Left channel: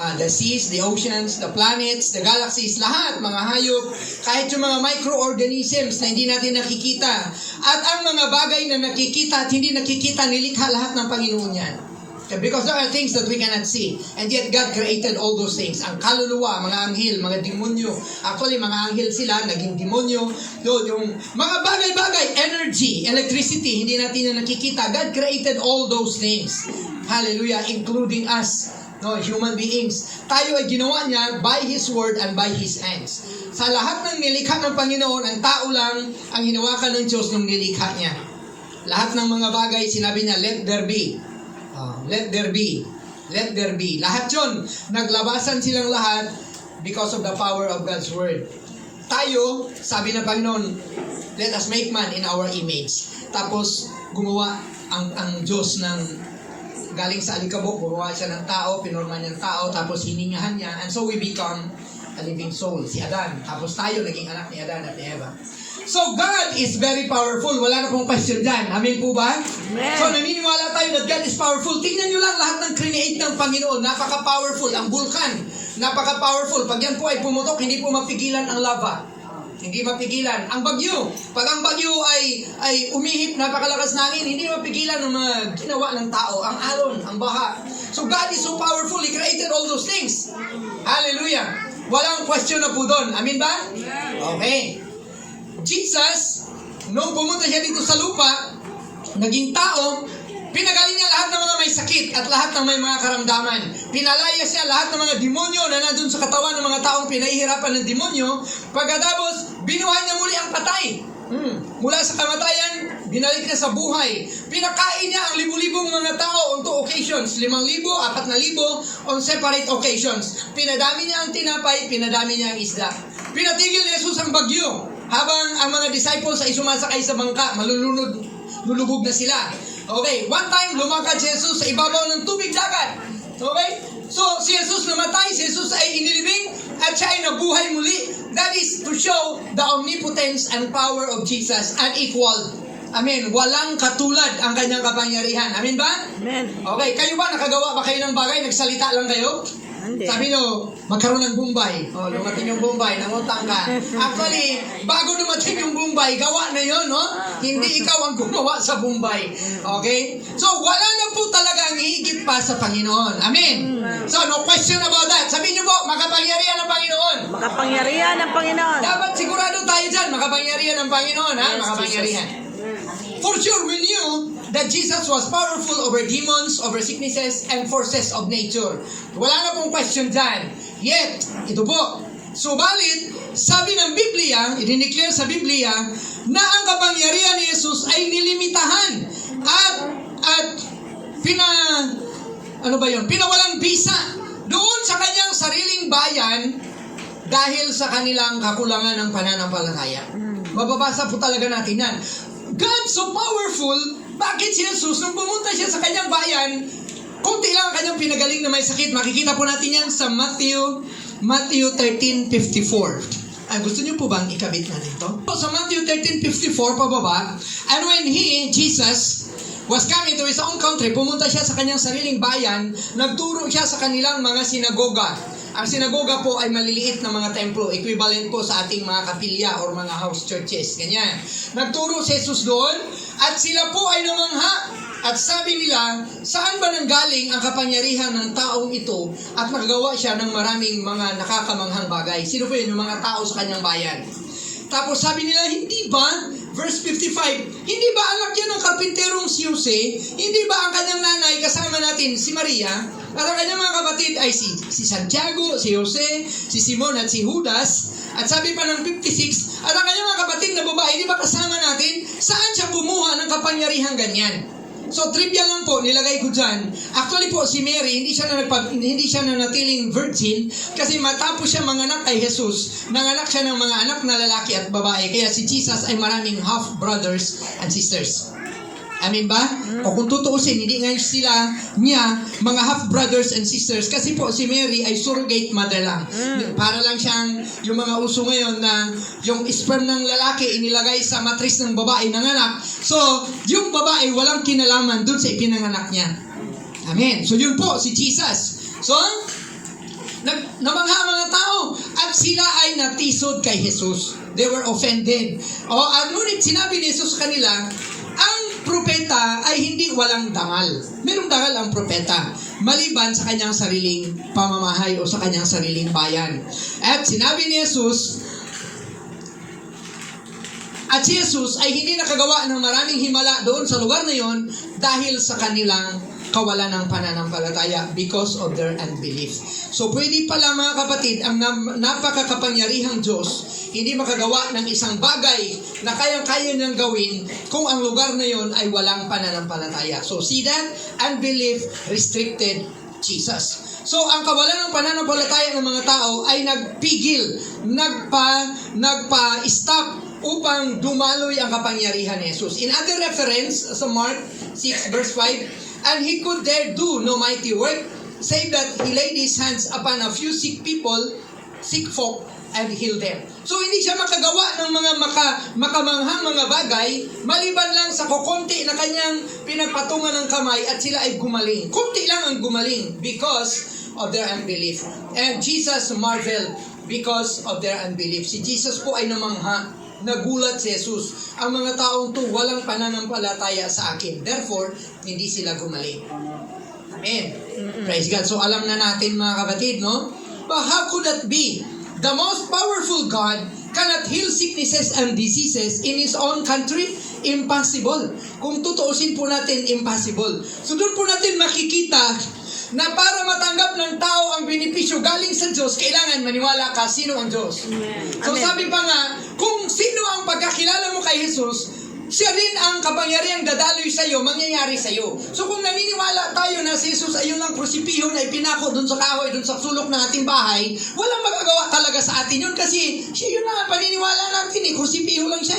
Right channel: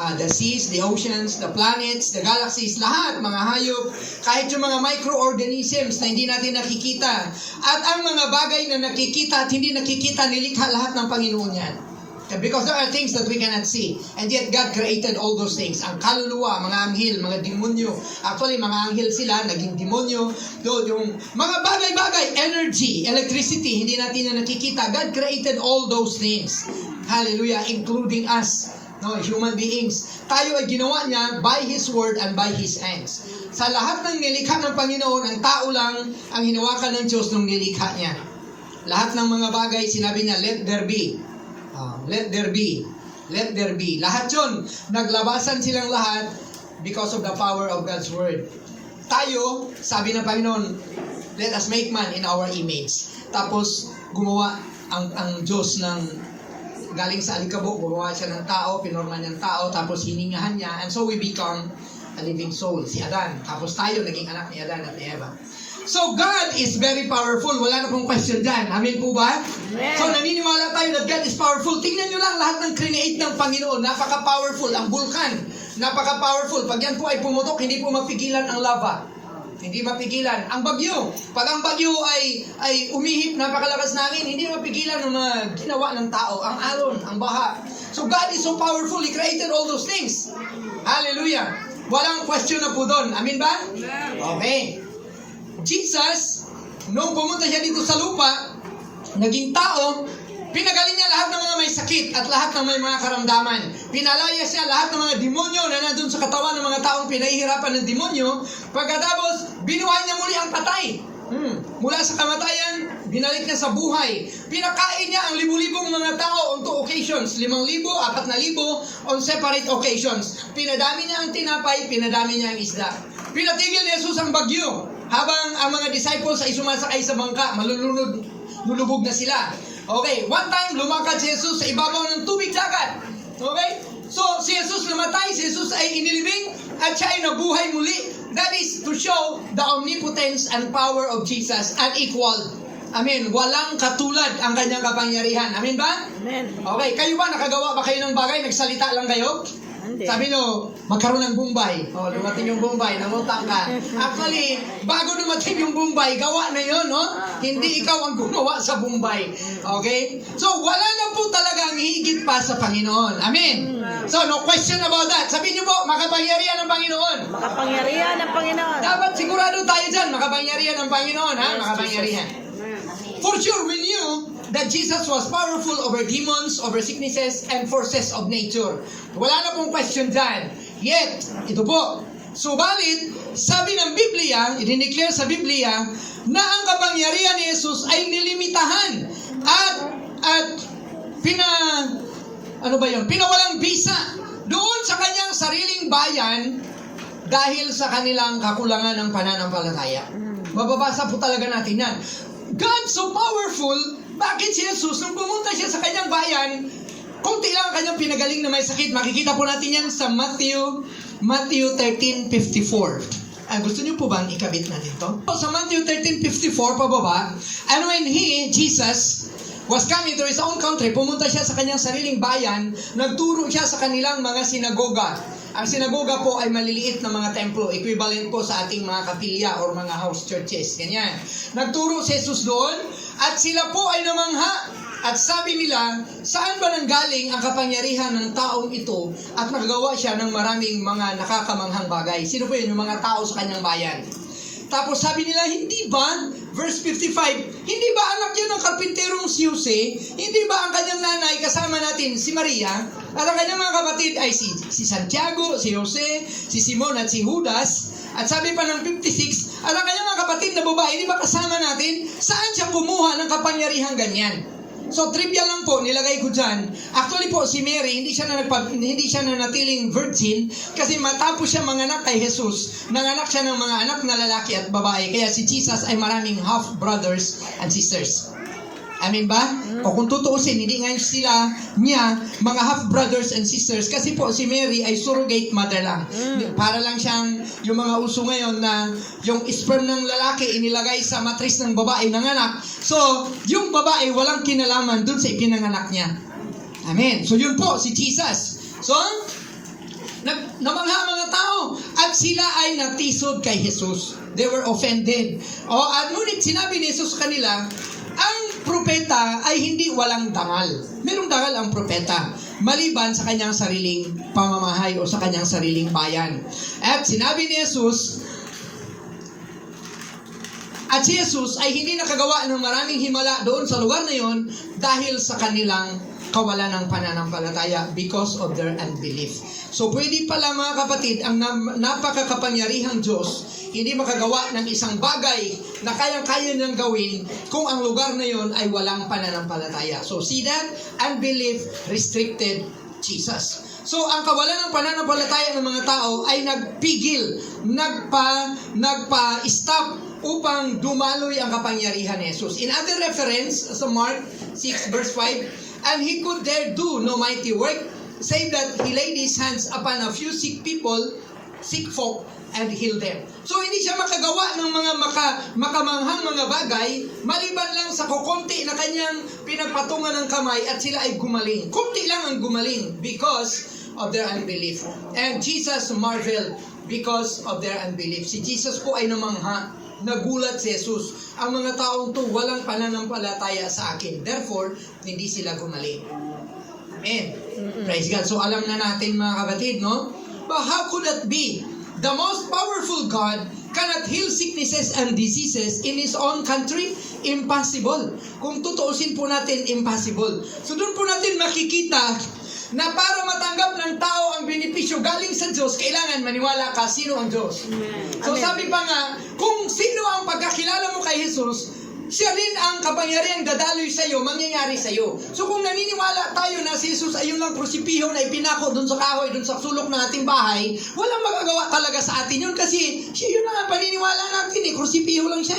The seas, the oceans, the planets, the galaxies, lahat, mga hayop, kahit yung mga microorganisms na hindi natin nakikita. At ang mga bagay na nakikita at hindi nakikita, nilikha lahat ng Panginoon yan. Because there are things that we cannot see. And yet God created all those things. Ang kaluluwa, mga anghel, mga demonyo. Actually, mga anghel sila, naging demonyo. Yung mga bagay-bagay, energy, electricity, hindi natin na nakikita. God created all those things. Hallelujah, including us. No, human beings. Tayo ay ginawa niya by His word and by His hands. Sa lahat ng nilikha ng Panginoon, ang tao lang ang hinawakan ng Diyos nung nilikha niya. Lahat ng mga bagay, sinabi niya, let there be. Let there be. Let there be. Lahat yun, naglabasan silang lahat because of the power of God's word. Tayo, sabi ng Panginoon, let us make man in our image. Tapos, gumawa ang Diyos ng galing sa alikabok, gumawa siya ng tao, pinorma niya ng tao, tapos hiningahan niya, and so we become a living soul, si Adan. Tapos tayo, naging anak ni Adan at ni Eva. So, God is very powerful. Wala na pong question dyan. Amen po ba? Amen. So, naniniwala tayo that God is powerful. Tingnan nyo lang lahat ng create ng Panginoon. Napaka-powerful. Ang vulkan, napaka-powerful. Pag yan po ay pumutok, hindi po mapigilan ang lava. Hindi mapigilan. Ang bagyo, pag ang bagyo ay umihip, napakalakas ng hangin, hindi mapigilan ng mga ginawa ng tao. Ang alon, ang baha. So God is so powerful. He created all those things. Hallelujah. Walang question na po doon. Amin ba? Okay. Jesus, nung pumunta siya dito sa lupa, naging tao, pinagaling niya lahat ng mga may sakit at lahat ng may mga karamdaman. Pinalaya siya lahat ng mga demonyo na nandun sa katawan ng mga taong pinahihirapan ng demonyo. Pagkatapos, binuhay niya muli ang patay. Mula sa kamatayan, binalik niya sa buhay. Pinakain niya ang libu-libong mga tao on 2 occasions. 5,000, 4,000 on separate occasions. Pinadami niya ang tinapay, pinadami niya ang isda. Pinatigil ni Jesus ang bagyo. Habang ang mga disciples ay sumasakay sa bangka, lulubog na sila. Okay, one time lumakad si Jesus sa ibabaw ng tubig dagat. Okay? So, si Jesus namatay, si Jesus ay inilibing, at siya ay nabuhay muli. That is to show the omnipotence and power of Jesus, unequaled. Amen. Walang katulad ang kanyang kapangyarihan. Amen ba? Amen. Okay, kayo ba nakagawa ba kayo ng bagay? Nagsalita lang kayo? Hindi. Sabi nyo, magkaroon ng Bombay. Dumating yung Bombay, nangutang ka. Actually, bago dumating yung Bombay, gawa na yun, no? Hindi ikaw ang gumawa sa Bombay. Okay? So, wala na po talaga ang higit pa sa Panginoon. Amen? So, no question about that. Sabihin nyo po, makapangyarihan ng Panginoon. Makapangyarihan ng Panginoon. Dapat sigurado tayo dyan, makapangyarihan ng Panginoon, ha? Yes, Makapangyarihan. Jesus. For sure, we knew that Jesus was powerful over demons, over sicknesses, and forces of nature. Wala na pong question dyan. Yet, ito po, subalit, sabi ng Biblia, i-declare sa Biblia, na ang kapangyarihan ni Jesus ay nilimitahan at pinawalang bisa doon sa kanyang sariling bayan dahil sa kanilang kakulangan ng pananampalataya. Mababasa po talaga natin yan. God so powerful, bakit si Jesus, nung pumunta siya sa kanyang bayan, konti lang ang kanyang pinagaling na may sakit. Makikita po natin yan sa Matthew 13:54. Gusto niyo po bang ikabit natin to? Sa Matthew 13:54, pababa, and when Jesus, was coming to his own country, pumunta siya sa kanyang sariling bayan, nagturo siya sa kanilang mga sinagoga. Ang sinagoga po ay maliliit na mga templo, equivalent po sa ating mga kapilya or mga house churches. Ganyan. Nagturo si Jesus doon at sila po ay namangha. At sabi nila, saan ba nanggaling ang kapangyarihan ng taong ito at nagawa siya ng maraming mga nakakamanghang bagay? Sino po yun? Yung mga tao sa kanyang bayan. Tapos sabi nila, hindi ba, verse 55, hindi ba anak yan ng karpinterong si Jose? Hindi ba ang kanyang nanay, kasama natin, si Maria? At ang kanyang mga kapatid ay si Santiago, si Jose, si Simon at si Judas. At sabi pa ng 56, at ang kanyang mga kapatid na babae, hindi ba kasama natin? Saan siya kumuha ng kapangyarihang ganyan? So, trivia lang po, nilagay ko dyan. Actually po, si Mary, hindi siya nanatiling virgin kasi matapos siya manganak kay Jesus, nanganak siya ng mga anak na lalaki at babae. Kaya si Jesus ay maraming half-brothers and sisters. Amin ba? O kung tutuusin, hindi nga sila niya mga half-brothers and sisters kasi po si Mary ay surrogate mother lang. Para lang siyang yung mga uso ngayon na yung sperm ng lalaki inilagay sa matris ng babae ng anak. So, yung babae walang kinalaman dun sa ipinanganak niya. Amen. So, yun po, si Jesus. So, namangha ang mga tao at sila ay natisod kay Jesus. They were offended. At ngunit sinabi ni Jesus sa kanila, ang propeta ay hindi walang dangal. Merong dangal ang propeta, maliban sa kanyang sariling pamamahay o sa kanyang sariling bayan. At sinabi ni Jesus, at si Jesus ay hindi nakagawa ng maraming himala doon sa lugar na yon dahil sa kanilang kawalan ng pananampalataya because of their unbelief. So pwede pala mga kapatid, ang napakakapangyarihang Diyos hindi makagawa ng isang bagay na kayang-kaya niyang gawin kung ang lugar na yon ay walang pananampalataya. So see that? Unbelief restricted Jesus. So ang kawalan ng pananampalataya ng mga tao ay nagpigil, nagpa-stop upang dumaloy ang kapangyarihan ni Jesus. In other reference, sa Mark 6 verse 5, and he could there do no mighty work, save that he laid his hands upon a few sick folk, and healed them. So hindi siya makagawa ng mga makamanghang mga bagay, maliban lang sa kukunti na kanyang pinagpatungan ng kamay at sila ay gumaling. Kunti lang ang gumaling because of their unbelief. And Jesus marveled because of their unbelief. Si Jesus po ay namangha. Nagulat si Jesus. Ang mga taong to walang pananampalataya sa akin. Therefore, hindi sila gumaling. Amen. Praise God. So alam na natin mga kapatid, no? But how could that be? The most powerful God cannot heal sicknesses and diseases in His own country? Impossible. Kung tutuusin po natin, impossible. So doon po natin makikita na para matanggap ng tao ang benepisyo galing sa Diyos, kailangan maniwala ka sino ang Diyos. So Amen. sabi pa nga, kung sino ang pagkakilala mo kay Jesus, siya rin ang kapangyarihan dadaloy sa iyo, mangyayari sa iyo. So kung naniniwala tayo na si Jesus ay yun ang krusipiho na ipinako doon sa kahoy, doon sa sulok ng ating bahay, walang magagawa talaga sa atin yun kasi siya yun lang ang paniniwala natin krusipiho lang siya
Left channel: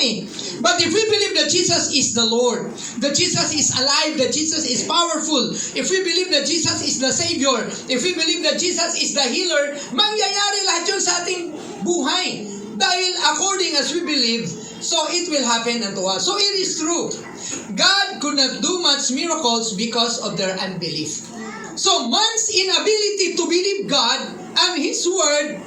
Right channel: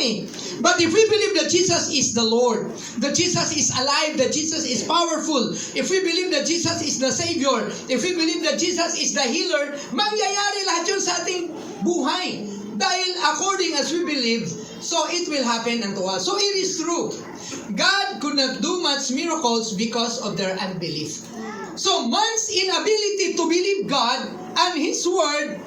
But if we believe that Jesus is the Lord, that Jesus is alive, that Jesus is powerful, if we believe that Jesus is the Savior, if we believe that Jesus is the healer, mangyayari lahat yun sa ating buhay. Dahil according as we believe, so it will happen unto us. So it is true. God could not do much miracles because of their unbelief. So man's inability to believe God and His Word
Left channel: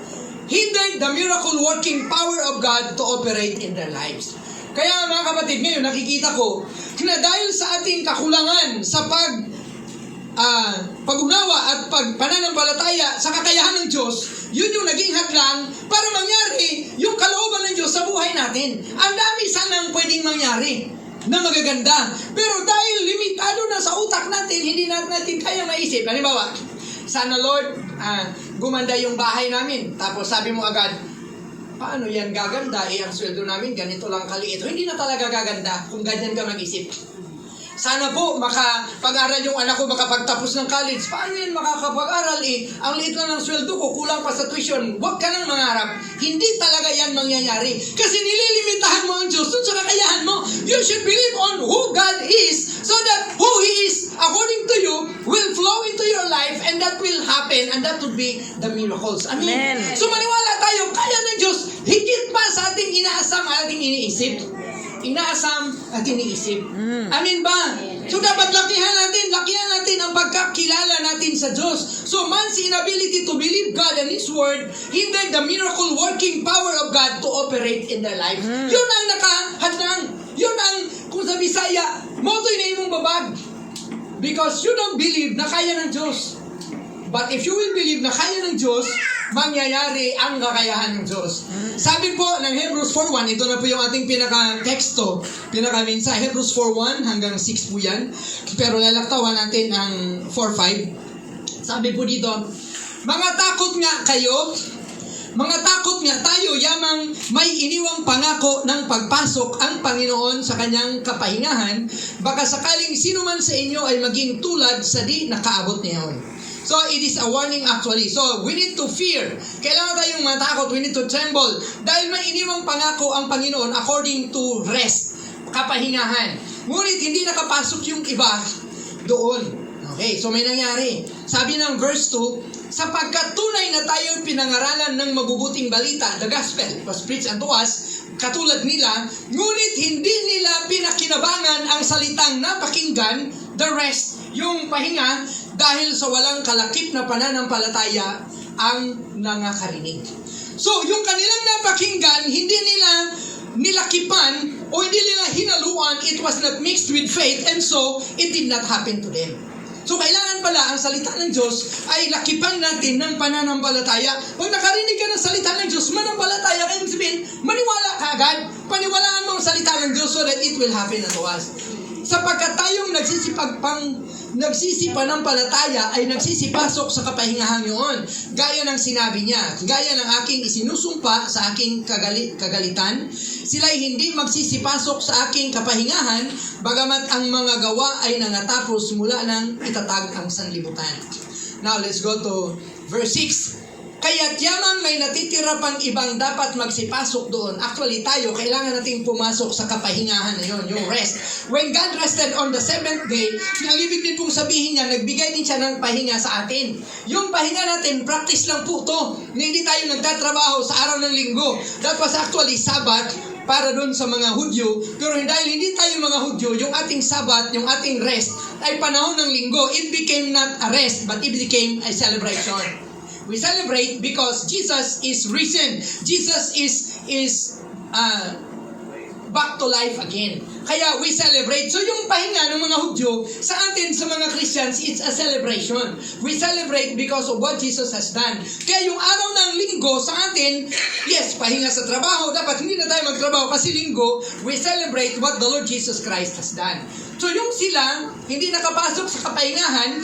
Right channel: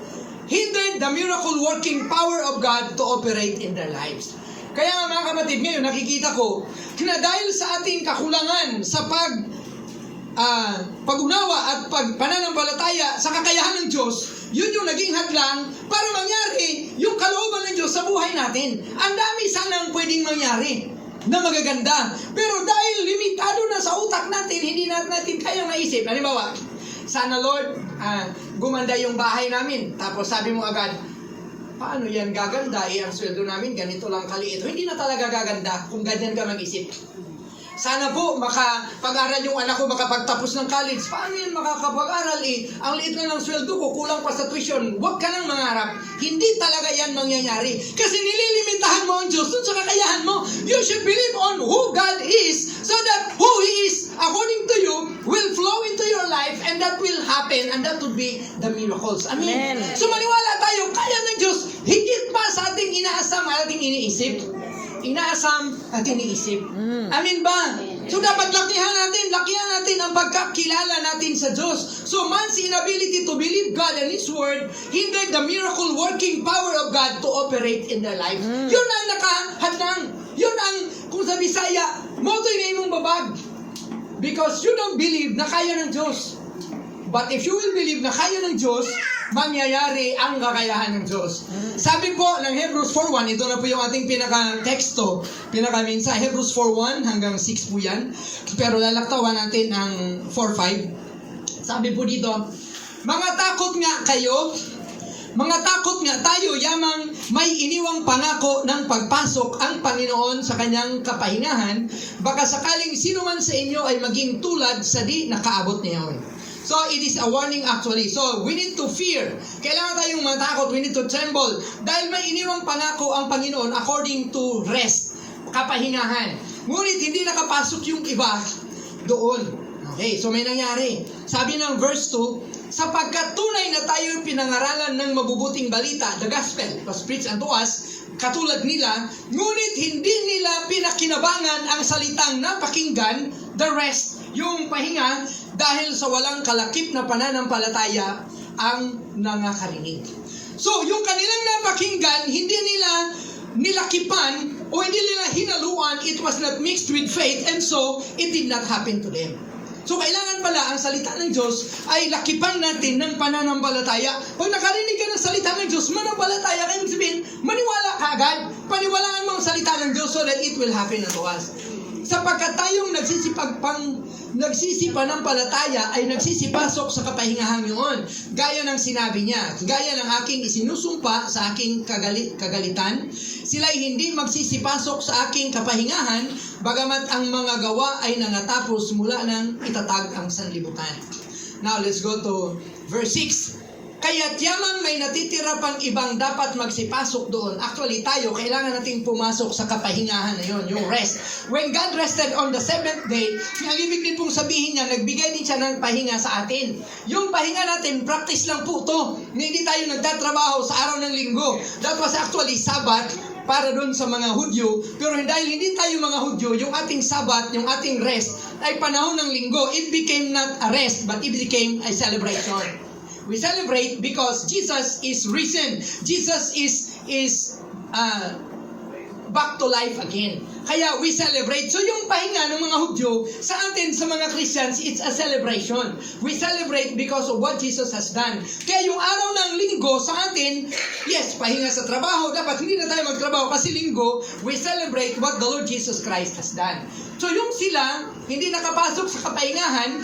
hindered the miracle working power of God to operate in their lives. Kaya mga kapatid, ngayon nakikita ko na dahil sa ating kakulangan sa pag-unawa at pananampalataya sa kakayahan ng Diyos, yun yung naging hadlang para mangyari yung kalooban ng Diyos sa buhay natin. Ang dami sanang pwedeng mangyari na magaganda. Pero dahil limitado na sa utak natin, hindi natin kayang maisip. Halimbawa, sana Lord, gumanda yung bahay namin. Tapos sabi mo agad, paano yan gaganda? Ang sweldo namin ganito lang kaliit. Hindi na talaga gaganda kung ganyan ka mag-isip. Sana po makapag-aral yung anak ko makapagtapos ng college. Paano yan makakapag-aral Ang liit lang ng sweldo ko, kulang pa sa tuition. Huwag ka nang mangarap. Hindi talaga yan mangyayari. Kasi nililimitahan mo ang Diyos dun sa kakayahan mo. You should believe on who God is so that who He is according to you will flow into your life and that will happen and that would be the miracles. Amen. Amen. So maniwala tayo, kaya ng Diyos higit pa sa ating inaasam, ating iniisip. Inaasam at iniisip. Amin ba? So dapat lakihan natin ang pagkakilala natin sa Diyos. So man's inability to believe God and His Word hindered the miracle working power of God to operate in their lives. Yun ang nakahadlang. Yun ang, kung sa Bisaya, moto'y na imong babag. Because you don't believe na kaya ng Diyos. But if you will believe na kaya ng Diyos, mangyayari ang kakayahan ng Diyos. Sabi po ng Hebrews 4:1, ito na po yung ating pinaka-teksto, pinaka-mensahe. Hebrews 4:1 hanggang 6 po yan. Pero lalaktawan natin ang 4:5. Sabi po dito, mga takot nga tayo, yamang may iniwang pangako ng pagpasok ang Panginoon sa kanyang kapahingahan, baka sakaling sino man sa inyo ay maging tulad sa di nakaabot niyon. So, it is a warning actually. So, we need to fear. Kailangan tayong matakot. We need to tremble. Dahil may iniwang pangako ang Panginoon according to rest, kapahingahan. Ngunit hindi nakapasok yung iba doon. Okay, so may nangyari. Sabi ng verse 2, sapagkat tunay na tayo pinangaralan ng mabubuting balita, the gospel was preached unto us, katulad nila, ngunit hindi nila pinakinabangan ang salitang napakinggan, the rest, yung pahinga, dahil sa walang kalakip na pananampalataya ang nangakarinig. So, yung kanilang napakinggan, hindi nila nilakipan o hindi nila hinaluan, it was not mixed with faith, and so, it did not happen to them. So, kailangan pala ang salita ng Diyos ay lakipan natin ng pananampalataya. Pag nakarinig ka ng salita ng Diyos, manampalataya kayo, sabihin, maniwala ka agad. Paniwalaan mo ang salita ng Diyos so that it will happen unto us. Sapagkat tayong nagsisipanampalataya ay nagsisipasok sa kapahingahan yun. Gaya ng sinabi niya, gaya ng aking isinusumpa sa aking kagalitan, sila'y hindi magsisipasok sa aking kapahingahan, bagamat ang mga gawa ay nangatapos mula nang itatag ang sanlibutan. Now, let's go to verse 6. Kaya't yamang may natitira pang ibang dapat magsipasok doon. Actually, tayo, kailangan nating pumasok sa kapahingahan na yun, yung rest. When God rested on the seventh day, ang ibig din pong sabihin niya, nagbigay din siya ng pahinga sa atin. Yung pahinga natin, practice lang po to. Hindi tayo nagtatrabaho sa araw ng linggo. That was actually Sabbath para doon sa mga Hudyo. Pero dahil hindi tayo mga Hudyo, yung ating Sabbath, yung ating rest, ay panahon ng linggo. It became not a rest, but it became a celebration. We celebrate because Jesus is risen. Jesus is back to life again. Kaya we celebrate. So yung pahinga ng mga Hudyo, sa atin, sa mga Christians, it's a celebration. We celebrate because of what Jesus has done. Kaya yung araw ng linggo sa atin, yes, pahinga sa trabaho. Dapat hindi na tayo magtrabaho kasi linggo, we celebrate what the Lord Jesus Christ has done. So yung sila, hindi nakapasok sa kapahingahan,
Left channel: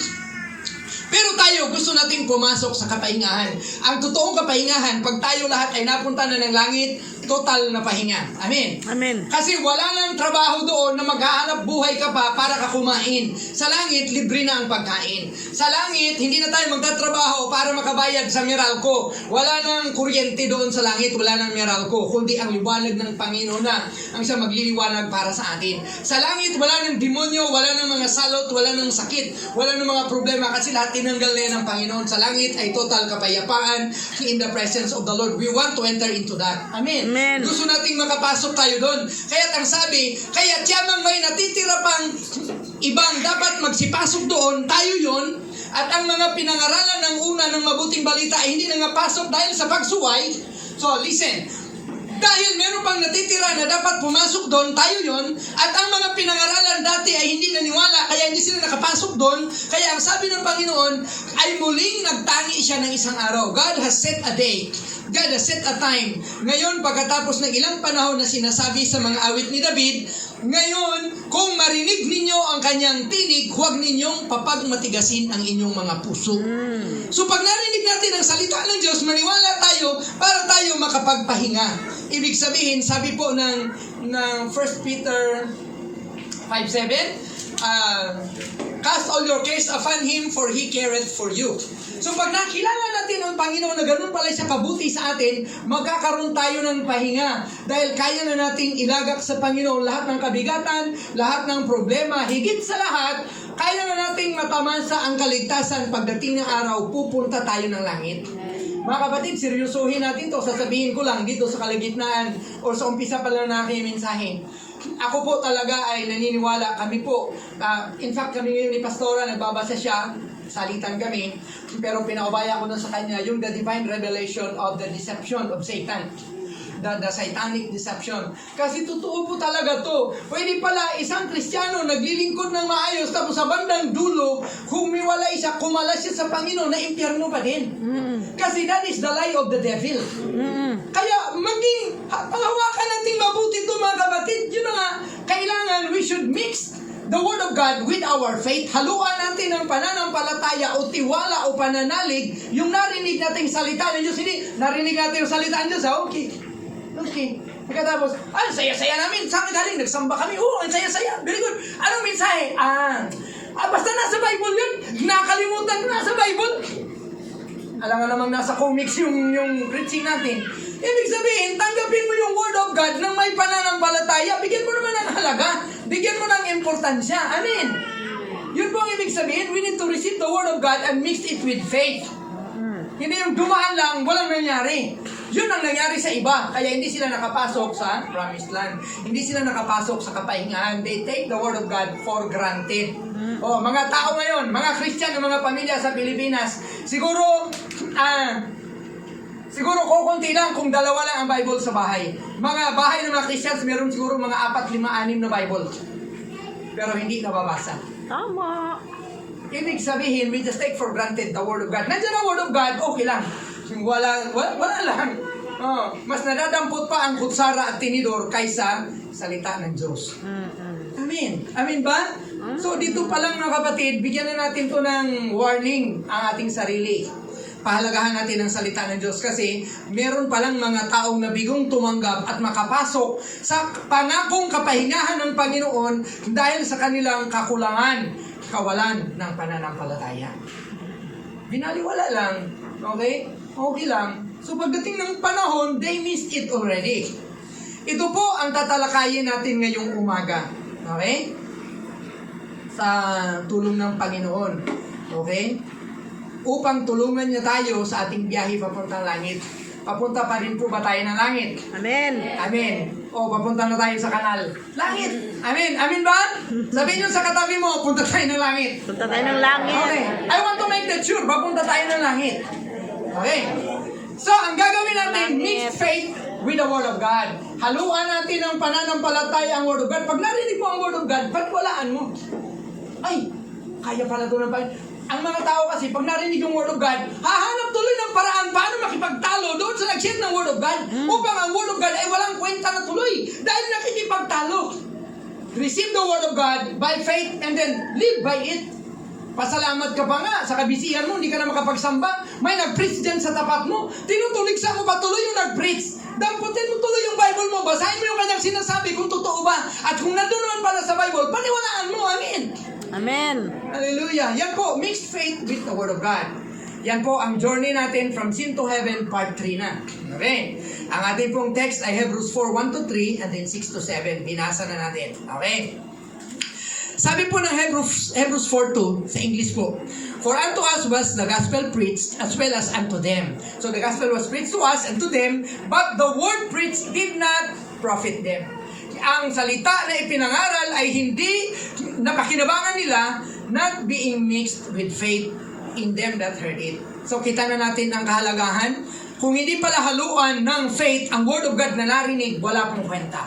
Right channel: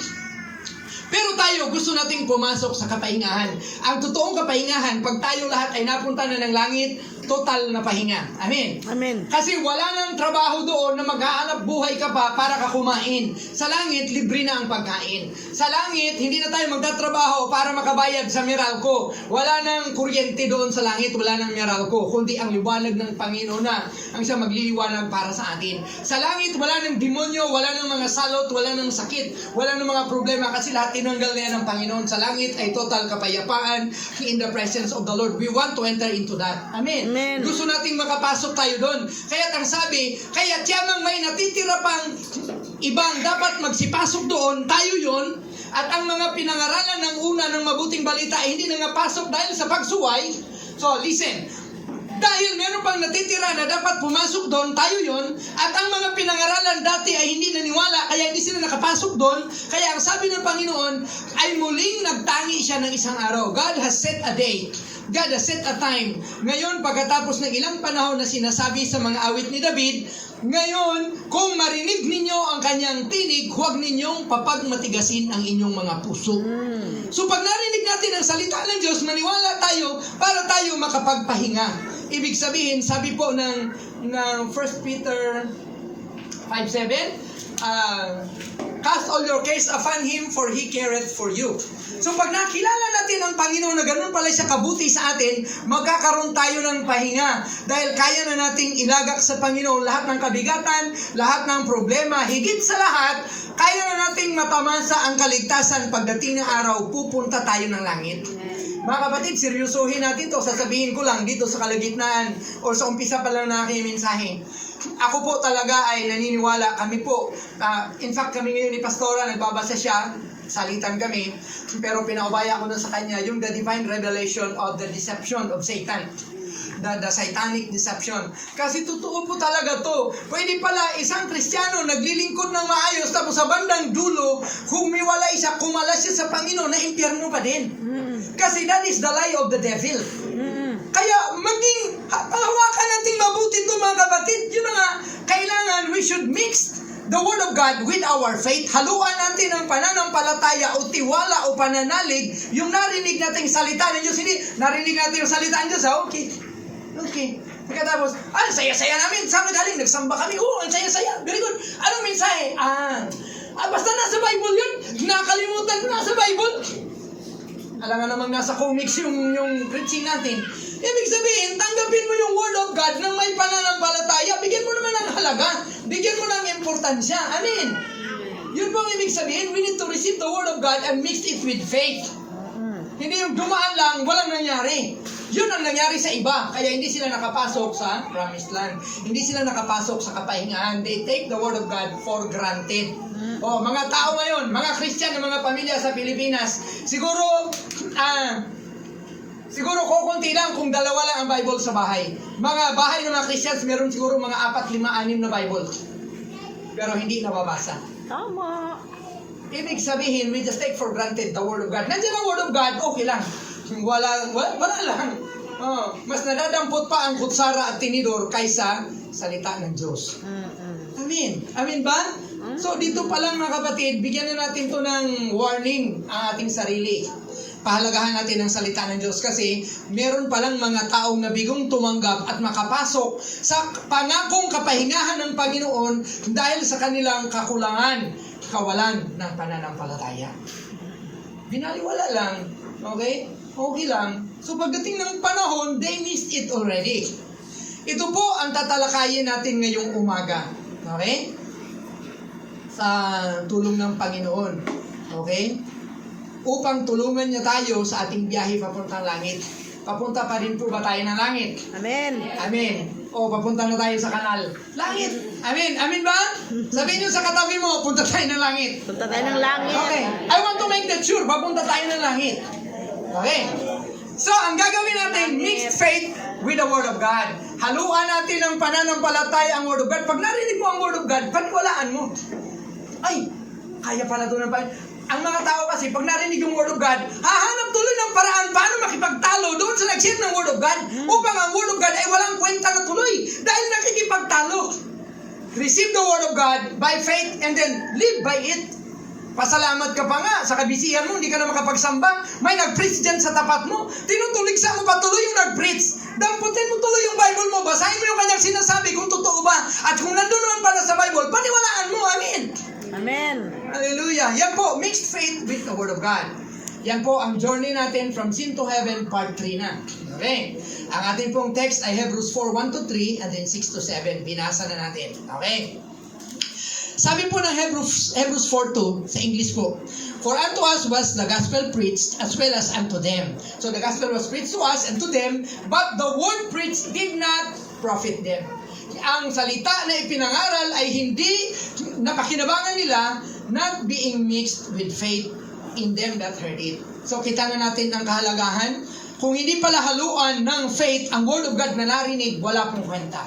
pero tayo, gusto nating pumasok sa kapahingahan. Ang totoong kapahingahan, pag tayo lahat ay napunta na ng langit, total na pahinga. Amen. Amen. Kasi wala nang trabaho doon na maghahanap buhay ka pa para ka kumain. Sa langit, libre na ang pagkain. Sa langit, hindi na tayo magtatrabaho para makabayad sa Meralco. Wala nang kuryente doon sa langit, wala nang Meralco, kundi ang liwanag ng Panginoon na ang siya magliliwanag para sa atin. Sa langit, wala nang demonyo, wala nang mga salot, wala nang sakit, wala nang mga problema kasi lahat tinanggal na yan ng Panginoon. Sa langit ay total kapayapaan in the presence of the Lord. We want to enter into that. Amen. Amen. Gusto nating makapasok tayo doon. Kaya't ang sabi, kaya't yamang may natitira pang ibang dapat magsipasok doon, tayo yon. At ang mga pinangaralan ng una ng mabuting balita ay hindi nangapasok dahil sa pagsuway. So, listen. Dahil meron pang natitira na dapat pumasok doon, tayo yon. At ang mga pinangaralan dati ay hindi naniwala, kaya hindi sila nakapasok doon. Kaya ang sabi ng Panginoon ay muling nagtangi siya ng isang araw. God has set a day. God has set a time. Ngayon, pagkatapos ng ilang panahon na sinasabi sa mga awit ni David, ngayon, kung marinig ninyo ang kanyang tinig, huwag ninyong papagmatigasin ang inyong mga puso. So pag narinig natin ang salita ng Diyos, maniwala tayo para tayo makapagpahinga. Ibig sabihin, sabi po ng 1 Peter 5:7, cast all your cares upon Him, for He careth for you. So pag nakilala natin ang Panginoon na ganun pala siya kabuti sa atin, magkakaroon tayo ng pahinga. Dahil kaya na nating ilagak sa Panginoon lahat ng kabigatan, lahat ng problema. Higit sa lahat, kaya na nating matamasa ang kaligtasan pagdating ng araw, pupunta tayo ng langit. Mga kapatid, seryosohin natin to. Sasabihin ko lang dito sa kalagitnaan o sa umpisa pa lang na aking mensahe. Ako po talaga ay naniniwala. Kami po, in fact kami ngayon ni Pastora, nagbabasa siya, salitan kami, pero pinaubaya ko na sa kanya yung the divine revelation of the deception of Satan. The satanic deception. Kasi totoo po talaga to. Pwede pala isang Kristiyano naglilingkod ng maayos, tapos sa bandang dulo, humiwalay siya, kumalas siya sa Panginoon, na impyerno pa din. Kasi that is the lie of the devil. Kaya maging hawakan natin mabuti ito, mga kapatid. Yun na nga, kailangan we should mix the Word of God with our faith. Haluan natin ang pananampalataya o tiwala o pananalig, yung narinig nating salita ng Diyos. Hindi, narinig natin yung salita ng Diyos. Okay. Pagkatapos, saya-saya namin. Saan galing? Nagsamba kami. Ang saya-saya. Very good. Anong mensahe? Basta nasa Bible yun. Nakalimutan ko nasa Bible. Alam nga namang nasa comics yung preaching natin. Ibig sabihin, tanggapin mo yung Word of God nang may pananampalataya. Bigyan mo naman ng halaga. Bigyan mo ng importansya. Amen. Yun po ang ibig sabihin. We need to receive the Word of God and mix it with faith. Hindi yung dumaan lang, walang nangyari. Yun ang nangyari sa iba. Kaya hindi sila nakapasok sa promised land. Hindi sila nakapasok sa kapahingahan. They take the word of God for granted. Mga tao ngayon, mga Christian, mga pamilya sa Pilipinas, siguro kukunti lang kung dalawa lang ang Bible sa bahay. Mga bahay ng mga Christians, meron siguro mga 4, 5, 6 na Bible. Pero hindi nababasa. Tama. Ibig sabihin, we just take for granted the Word of God. Nandiyan ang Word of God, okay lang. Wala lang. Mas nadadampot pa ang kutsara at tinidor kaysa salita ng Diyos. Amen. Amen ba? So dito pa lang mga kapatid, bigyan na natin to ng warning ang ating sarili. Pahalagahan natin ang salita ng Diyos kasi meron palang mga taong nabigong tumanggap at makapasok sa pangakong kapahingahan ng Panginoon dahil sa kanilang kakulangan, kawalan ng pananampalataya. Binaliwala lang, okay? Okay lang. So pagdating ng panahon, they missed it already. Ito po ang tatalakayin natin ngayong umaga. Okay? Sa tulong ng Panginoon. Okay? Upang tulungan niya tayo sa ating biyahe papuntang langit. Papunta pa rin po ba tayo ng langit? Amen. Amen. Papunta na tayo sa kanal. Langit. Amen. Amen ba? Sabihin nyo sa katabi mo, punta tayo ng langit. Punta tayo ng langit. Okay. I want to make that sure. Papunta tayo ng langit. Okay. So, ang gagawin natin, mixed faith with the Word of God. Haluan natin ang pananampalataya ang Word of God. Pag narinig mo ang Word of God, paniwalaan mo. Ay, kaya pala doon ang ang mga tao kasi, pag narinig yung Word of God, hahanap tuloy ng paraan paano makipagtalo doon sa nag-share ng Word of God upang ang Word of God ay walang kwenta na tuloy dahil nakikipagtalo. Receive the Word of God by faith and then live by it. Pasalamat ka pa nga sa kabisihan mo, hindi ka na makapagsamba. May nag-preach dyan sa tapat mo. Tinutuligsa mo pa tuloy yung nag-preach. Damputin mo tuloy yung Bible mo. Basahin mo yung kanyang sinasabi kung totoo ba. At kung nandun pala sa Bible, paniwalaan mo. Amen. Amen. Hallelujah. Yan po, mixed faith with the Word of God. Yan po ang journey natin from sin to heaven, part 3 na. Okay. Ang ating pong text ay Hebrews 4:1-3 and then 6-7. Binasa na natin. Okay. Sabi po ng Hebrews 4:2 sa English po, for unto us was the gospel preached as well as unto them. So the gospel was preached to us and to them, but the word preached did not profit them. Ang salita na ipinangaral ay hindi napakinabangan nila, not being mixed with faith in them that heard it. So kita na natin ang kahalagahan. Kung hindi pala haluan ng faith ang Word of God na narinig, wala pong kwenta.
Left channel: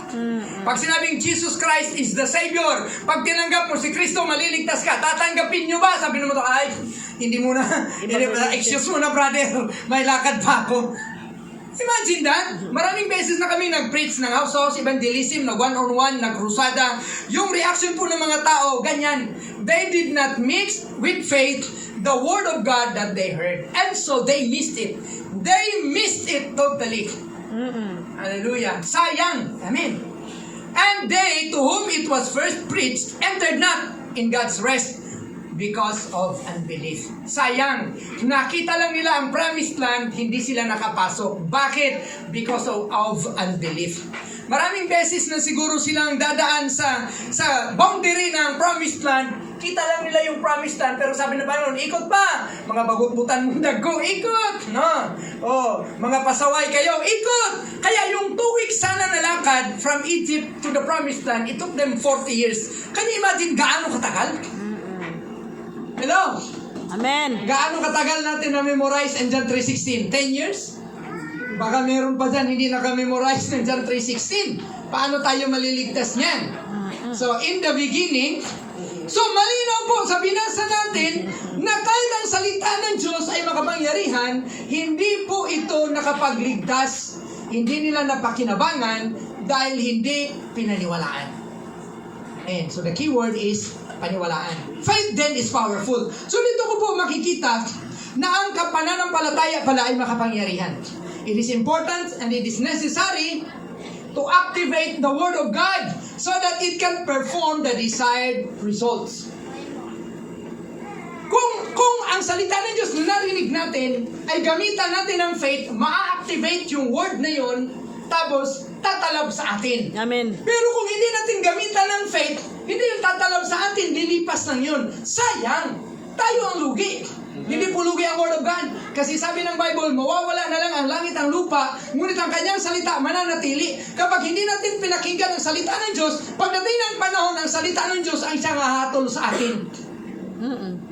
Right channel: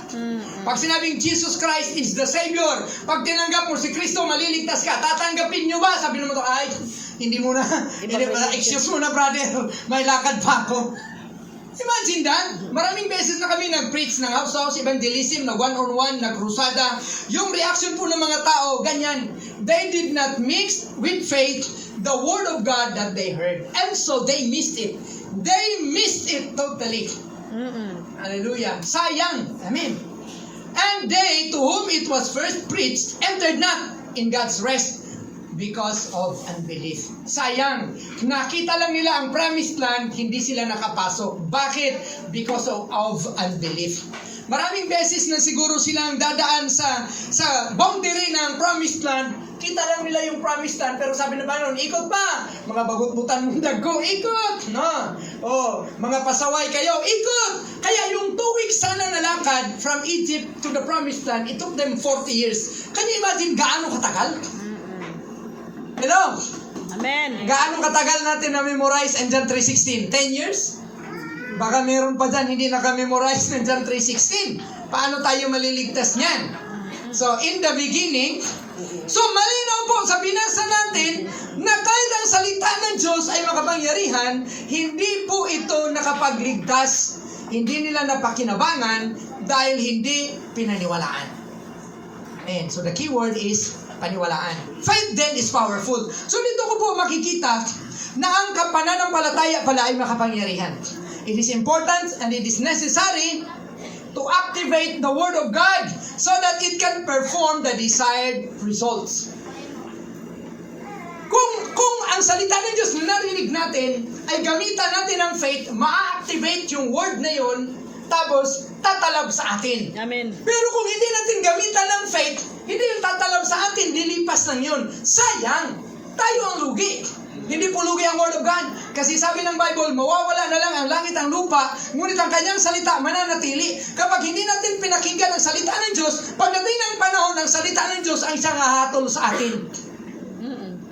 Pag sinabing Jesus Christ is the Savior, pag tinanggap mo si Kristo, maliligtas ka. Tatanggapin nyo ba? Sabi naman to, ay, hindi muna. Excuse mo na, brother. May lakad pa ako. Imagine that. Maraming beses na kami nag-preach ng house evangelism, nag one-on-one, nag-crusada. Yung reaction po ng mga tao, ganyan. They did not mix with faith the Word of God that they heard. And so they missed it. They missed it totally. Hallelujah. Sayang. Amen. And they, to whom it was first preached, entered not in God's rest because of unbelief. Sayang. Nakita lang nila ang promised land, hindi sila nakapasok. Bakit? Because of unbelief. Maraming beses na siguro silang dadaan sa boundary ng promised land. Kita lang nila yung promised land, pero sabi na Panginoon, ikot pa. Mga bagututan mong dago, ikot. No? Mga pasaway kayo, ikot. Kaya yung 2 weeks sana na lakad from Egypt to the promised land, it took them 40 years. Can you imagine gaano katagal? Hello? Amen. Gaano katagal natin na-memorize ang John 3:16? 10 years? Baka meron pa dyan, hindi naka-memorize ng John 3:16. Paano tayo maliligtas niyan? So, in the beginning, so malinaw po sa binasa natin na kahit ang salita ng Diyos ay makapangyarihan, hindi po ito nakapagligtas. Hindi nila napakinabangan dahil hindi pinaniwalaan. And so the key word is paniwalaan. Faith then is powerful. So dito ko po makikita na ang pananampalataya pala ay makapangyarihan. It is important and it is necessary to activate the Word of God so that it can perform the desired results. Kung ang salita ng Diyos na narinig natin ay gamitan natin ng faith, ma-activate yung Word na yun, tapos tatalab sa atin. Amen. Pero kung hindi natin gamitan ng faith, hindi yung tatalab sa atin, lilipas lang yun. Sayang. tayo ang lugi. Hindi po lugi ang Word of God. Kasi sabi ng Bible, mawawala na lang ang langit ang lupa, ngunit ang kanyang salita mananatili. Kapag hindi natin pinakinggan ang salita ng Diyos, pagdating ng panahon, ang salita ng Diyos ang siyang hahatol sa atin.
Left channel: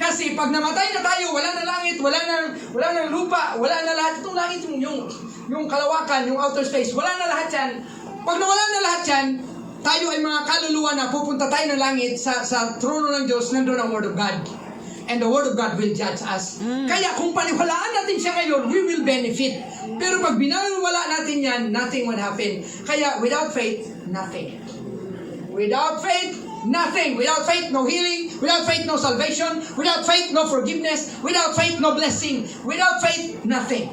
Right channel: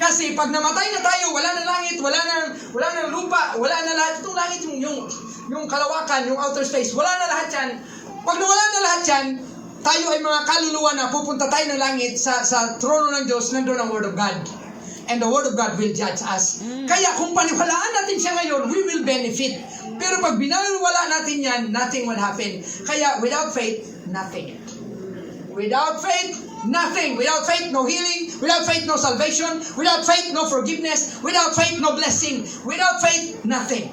Kasi pag namatay na tayo, wala na langit, wala na lupa, wala na lahat. Itong langit, yung kalawakan, yung outer space, wala na lahat yan. Pag nawala na lahat yan, tayo ay mga kaluluwa na pupunta tayo ng langit sa trono ng Diyos, nandun ang Word of God. And the Word of God will judge us. Kaya kung paniwalaan natin siya ngayon, we will benefit. Pero pag binawala natin yan, nothing will happen. Kaya without faith, nothing. Without faith, nothing. Without faith, no healing. Without faith, no salvation. Without faith, no forgiveness. Without faith, no blessing. Without faith, nothing.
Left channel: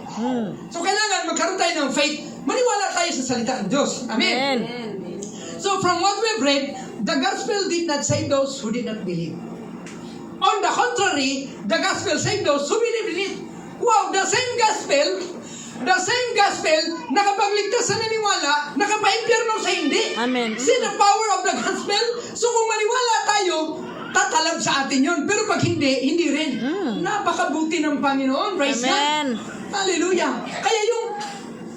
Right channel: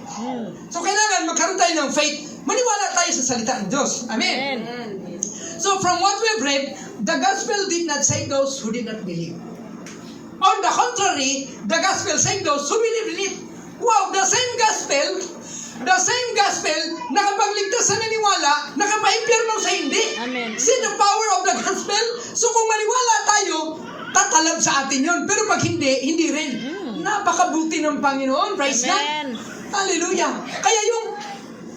So kailangan magkaroon tayo ng faith. Maniwala tayo sa salita ng Diyos. Amen. So from what we've read, the gospel did not save those who did not believe. On the contrary, the gospel saved those who believe in it. Wow, the same gospel, nakapagligtas sa naniwala, nakapaimpyerno sa hindi. Amen. See the power of the gospel? So kung maniwala tayo, tatalab sa atin yun. Pero pag hindi rin. Napakabuti ng Panginoon. Praise Amen. God. Hallelujah. Kaya yung